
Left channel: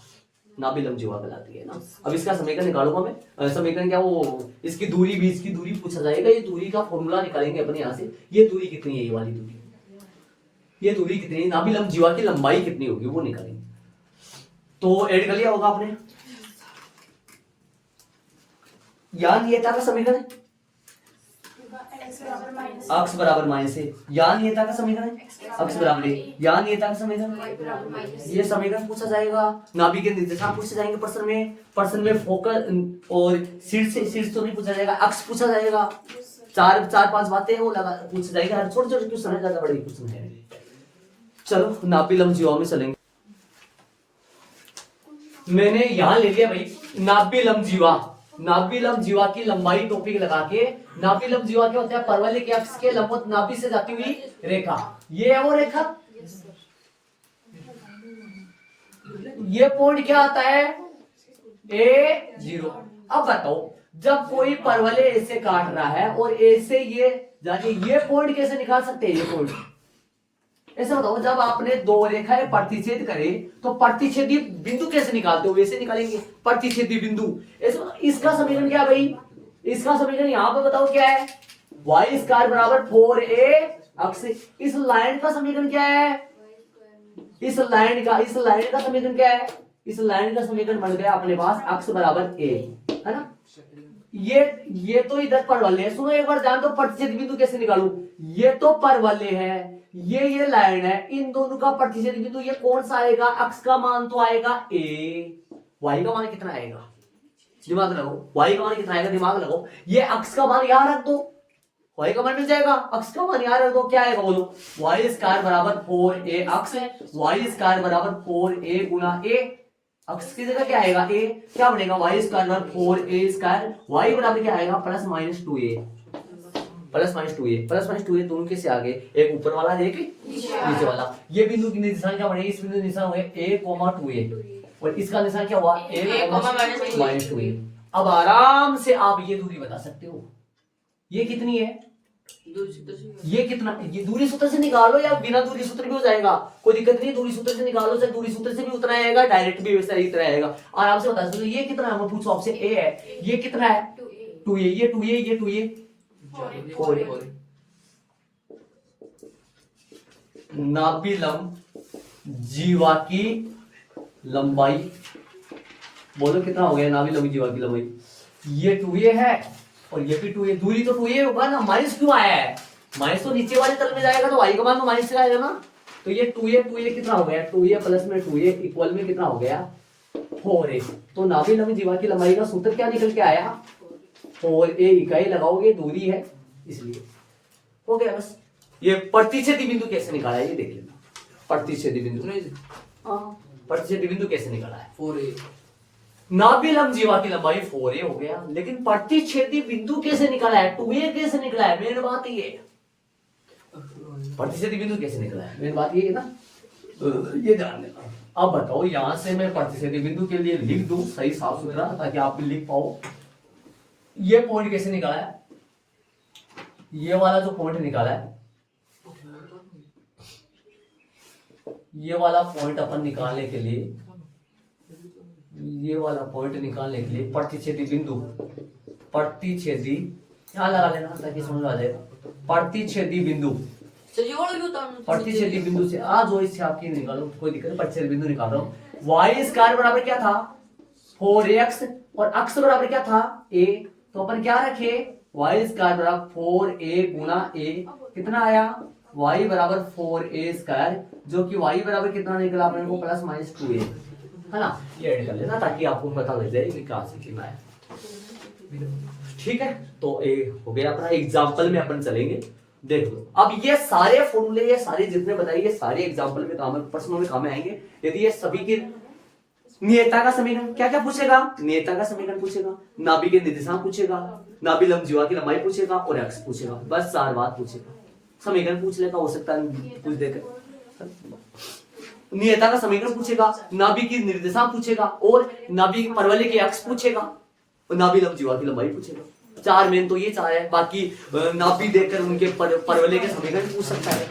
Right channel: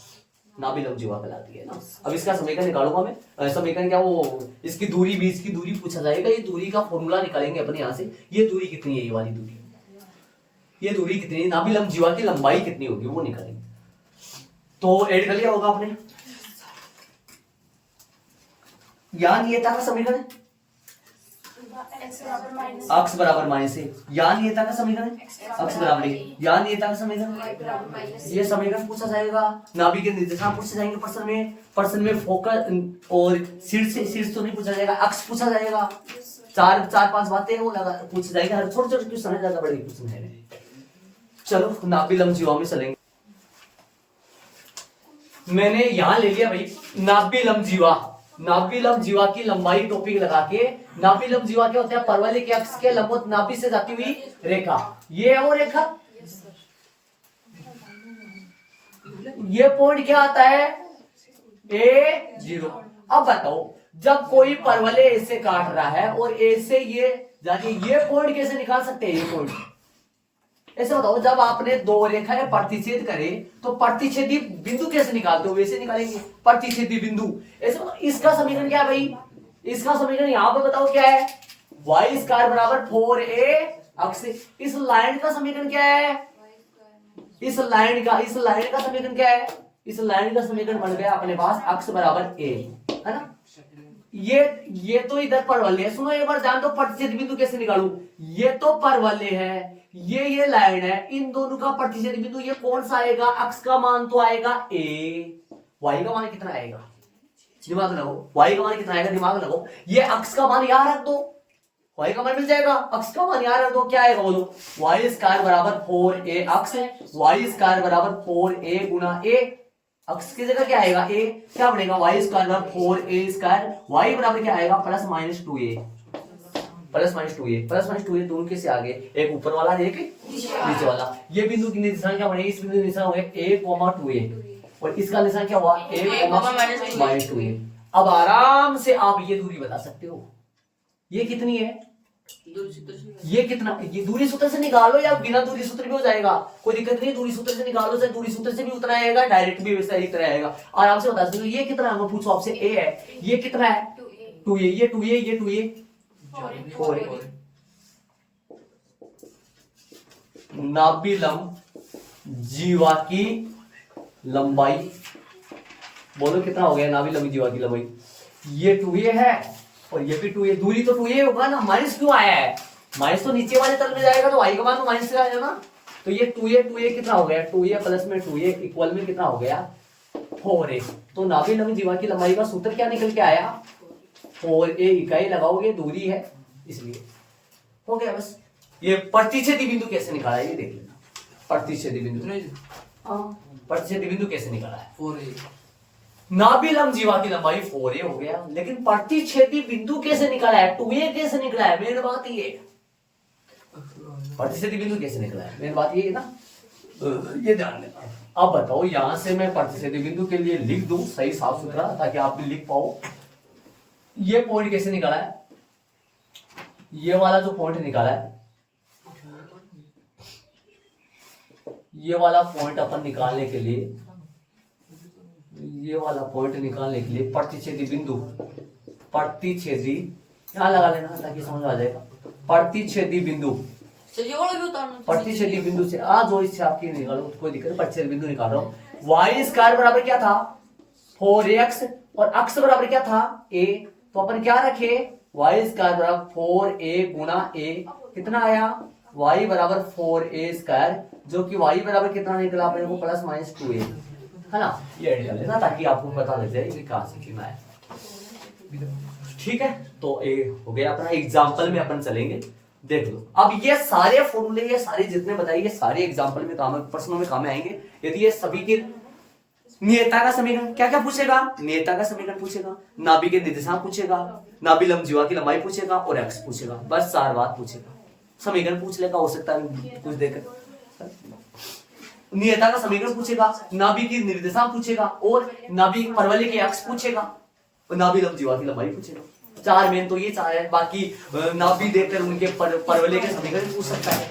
नाभि लंब जीवा कहलाती है ना। अब इसका समीकरण निकालूंगा मैं, समीकरण क्या, वो इसकी दूरी भी, इसकी दूरी पूछा जाएगा, ये दूरी का फॉर्मूला निकालेंगे अपन यहाँ से। ये दूरी कितनी है, ये वाली दूरी, ये दूरी कितनी है, नाभि लंब जीवा की लंबाई कितनी होगी वो निकालेंगे। तो ऐड कर लिया होगा आपने, यहाँ नियता का समीकरण अक्ष बराबर माइनस है, यहाँ नियता का समीकरण अक्ष बराबर है, यहाँ नियता का समीकरण, ये समीकरण पूछा जाएगा। नाभि के निर्देशांक पूछे जाएंगे प्रश्न में फोकस और शीर्ष तो नहीं पूछा जाएगा, अक्ष पूछा जाएगा। 4-5 बातें वो पूछा जाएगा, छोटे छोटे क्वेश्चन है, ज्यादा बड़े क्वेश्चन है। चलो नाभि लंब जीवा में चलेंगे। मैंने यहां ले लिया भाई नाभि लंब जीवा, नाभि लंब जीवा की लंबाई टॉपिक लगा के। नाभि लंब जीवा क्या होता है, परवलय के अक्ष के लंबवत नाभि से जाती हुई रेखा, ये है वो रेखा। ये पॉइंट क्या आता है, A0। अब बताओ जब कोई परवलय ऐसे काट रहा है और ऐसे ये जाके ये पॉइंट कैसे निकाल सकते हैं, ये पॉइंट ऐसे बताओ। जब आपने दो रेखाएं प्रतिच्छेद करे तो प्रतिच्छेदी बिंदु कैसे निकालते हो, वैसे निकालेंगे प्रतिच्छेदी बिंदु। ऐसे बताओ, इसका समीकरण क्या है भाई, इसका समीकरण यहां पे बताओ क्या है, वाई स्क्वायर बराबर 4a अक्स। इस लाइन का समीकरण क्या है, इस लाइन का समीकरण क्या है, इस लाइन का समीकरण बन गया अपने पास अक्स बराबर a, है ना। ये तो इधर परवलय है। सुनो एक बार जान दो प्रतिच्छेद बिंदु कैसे निकालूं, ये तो परवलय है, ये लाइन है, इन दोनों का प्रतिच्छेद बिंदु ये कौन सा आएगा, अक्स का मान तो आएगा a, y का मान कितना आएगा, दिमाग लगाओ, y का मान कितना आएगा, दिमाग लगाओ। ये अक्स का मान यहां रख दो, y का मान मिल जाएगा, अक्स का मान यहां रख दो, क्या आएगा बोलो, y स्क्वायर बराबर 4a अक्स है, y स्क्वायर बराबर 4a गुना a, अक्स की जगह क्या आएगा a, क्या बनेगा y स्क्वायर बराबर 4a स्क्वायर, y बराबर क्या आएगा plus minus 2a, plus minus 2a दोनों कैसे आगे, एक ऊपर वाला एक नीचे वाला। ये बिंदु की निशान क्या बनेगी, इस बिंदु की निशान हो गया a, 2a और इसका निशान क्या हुआ a, माइनस 2a। अब आराम से आप ये दूरी बता सकते हो, ये कितनी है, ये कितना, ये दूरी सूत्र से निकालो या बिना दूरी सूत्र भी हो जाएगा, कोई दिक्कत नहीं। दूरी सूत्र से निकालो, चाहे दूरी सूत्र से भी उतना आएगा, डायरेक्ट भी वैसा ही तरह आएगा, आराम से बता सकते हो। ये कितना है, मैं पूछूं आपसे, a है, ये कितना है 2a, ये 2a, ये 2a 4a। नाभिलंब जीवा की लंबाई, बोलो कितना हो गया नाभिलंब जीवा की लंबाई, ये 2a है और ये भी 2a, दूरी तो 2a होगा ना, माइनस क्यों आया है, माइनस तो नीचे वाले तल में जाएगा तो y का मान तो माइनस से आएगा ना। तो ये 2a कितना हो गया, 2a प्लस में 2a इक्वल में कितना हो गया 4a। तो नाभिलंब जीवा की लंबाई का सूत्र क्या निकल के आया, 4a इकाई लगाओगे, दूरी है इसलिए हो गया बस। ये प्रतिच्छेदी बिंदु कैसे निकाला है ये देख लेना, प्रतिच्छेदी बिंदु, प्रतिच्छेदी बिंदु कैसे निकाला है 4a। नाभिलंब जीवा की लंबाई 4a हो गया, लेकिन प्रतिच्छेदी बिंदु कैसे निकाला है, 2a कैसे निकला है, मेन बात ये, प्रतिच्छेदी बिंदु कैसे निकला है, मेन बात ये है ना, ये ध्यान देना। अब बताओ यहां से मैं प्रतिच्छेदी बिंदु के लिए लिख दूं सही साफ सुथरा, ताकि आप भी लिख पाओ। ये पॉइंट कैसे निकाला है, ये वाला जो पॉइंट निकाला है, ये वाला पॉइंट अपन निकालने के लिए, ये वाला पॉइंट निकालने के लिए प्रतिच्छेदी बिंदु, प्रतिच्छेदी यहां लगा लेना ताकि समझ आ जाएगा। प्रतिच्छेदी बिंदु, प्रतिच्छेदी बिंदु से आ जो इससे आपकी निकालो, कोई दिक्कत नहीं, प्रतिच्छेदी बिंदु निकाल रहा हूं। वाई स्क्वायर बराबर क्या था 4x और अक्स बराबर क्या था a, तो अपन क्या रखे, वाई स्क्वायर बराबर 4a गुना a, कितना आया y बराबर 4a स्क्वायर, जो कि y बराबर कितना निकला अपने को प्लस माइनस 2a, है ना। ये ऐड कर लेना ताकि आपको पता लग जाए कि कहां से कितना है, ठीक है। तो ये हो गया अपना, एग्जांपल में अपन चलेंगे, देख लो। अब ये सारे फॉर्मूले, ये सारे जितने बताइए, ये सारे एग्जांपल में काम, प्रश्नों में काम आएंगे। यदि ये सभी की नियता का समीकरण, क्या क्या पूछेगा, नियता का समीकरण पूछेगा, नाभि के निर्देशांक पूछेगा, नाभिलंब जीवा की लंबाई पूछेगा और अक्ष पूछेगा, बस 4 बात पूछेगा। समीकरण पूछ लेगा, हो सकता है कुछ देकर, नियता का समीकरण पूछेगा, नाभि की निर्देशांक पूछेगा और नाभि परवलय के अक्ष पूछेगा और नाभिलंब जीवा की लंबाई पूछेगा। 4 मेन तो ये 4 है, बाकी नाभि देखकर उनके परवलय के समीकरण पूछ सकता है,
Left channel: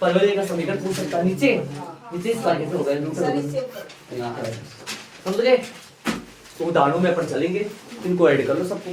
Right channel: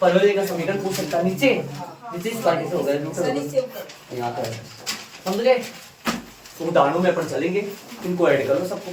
परवलय का समीकरण पूछ सकता है। नीचे इस बार कैसे होगा, यहाँ पर समझ गए। तो उदाहरणों में अपन चलेंगे, इनको ऐड कर लो सबको।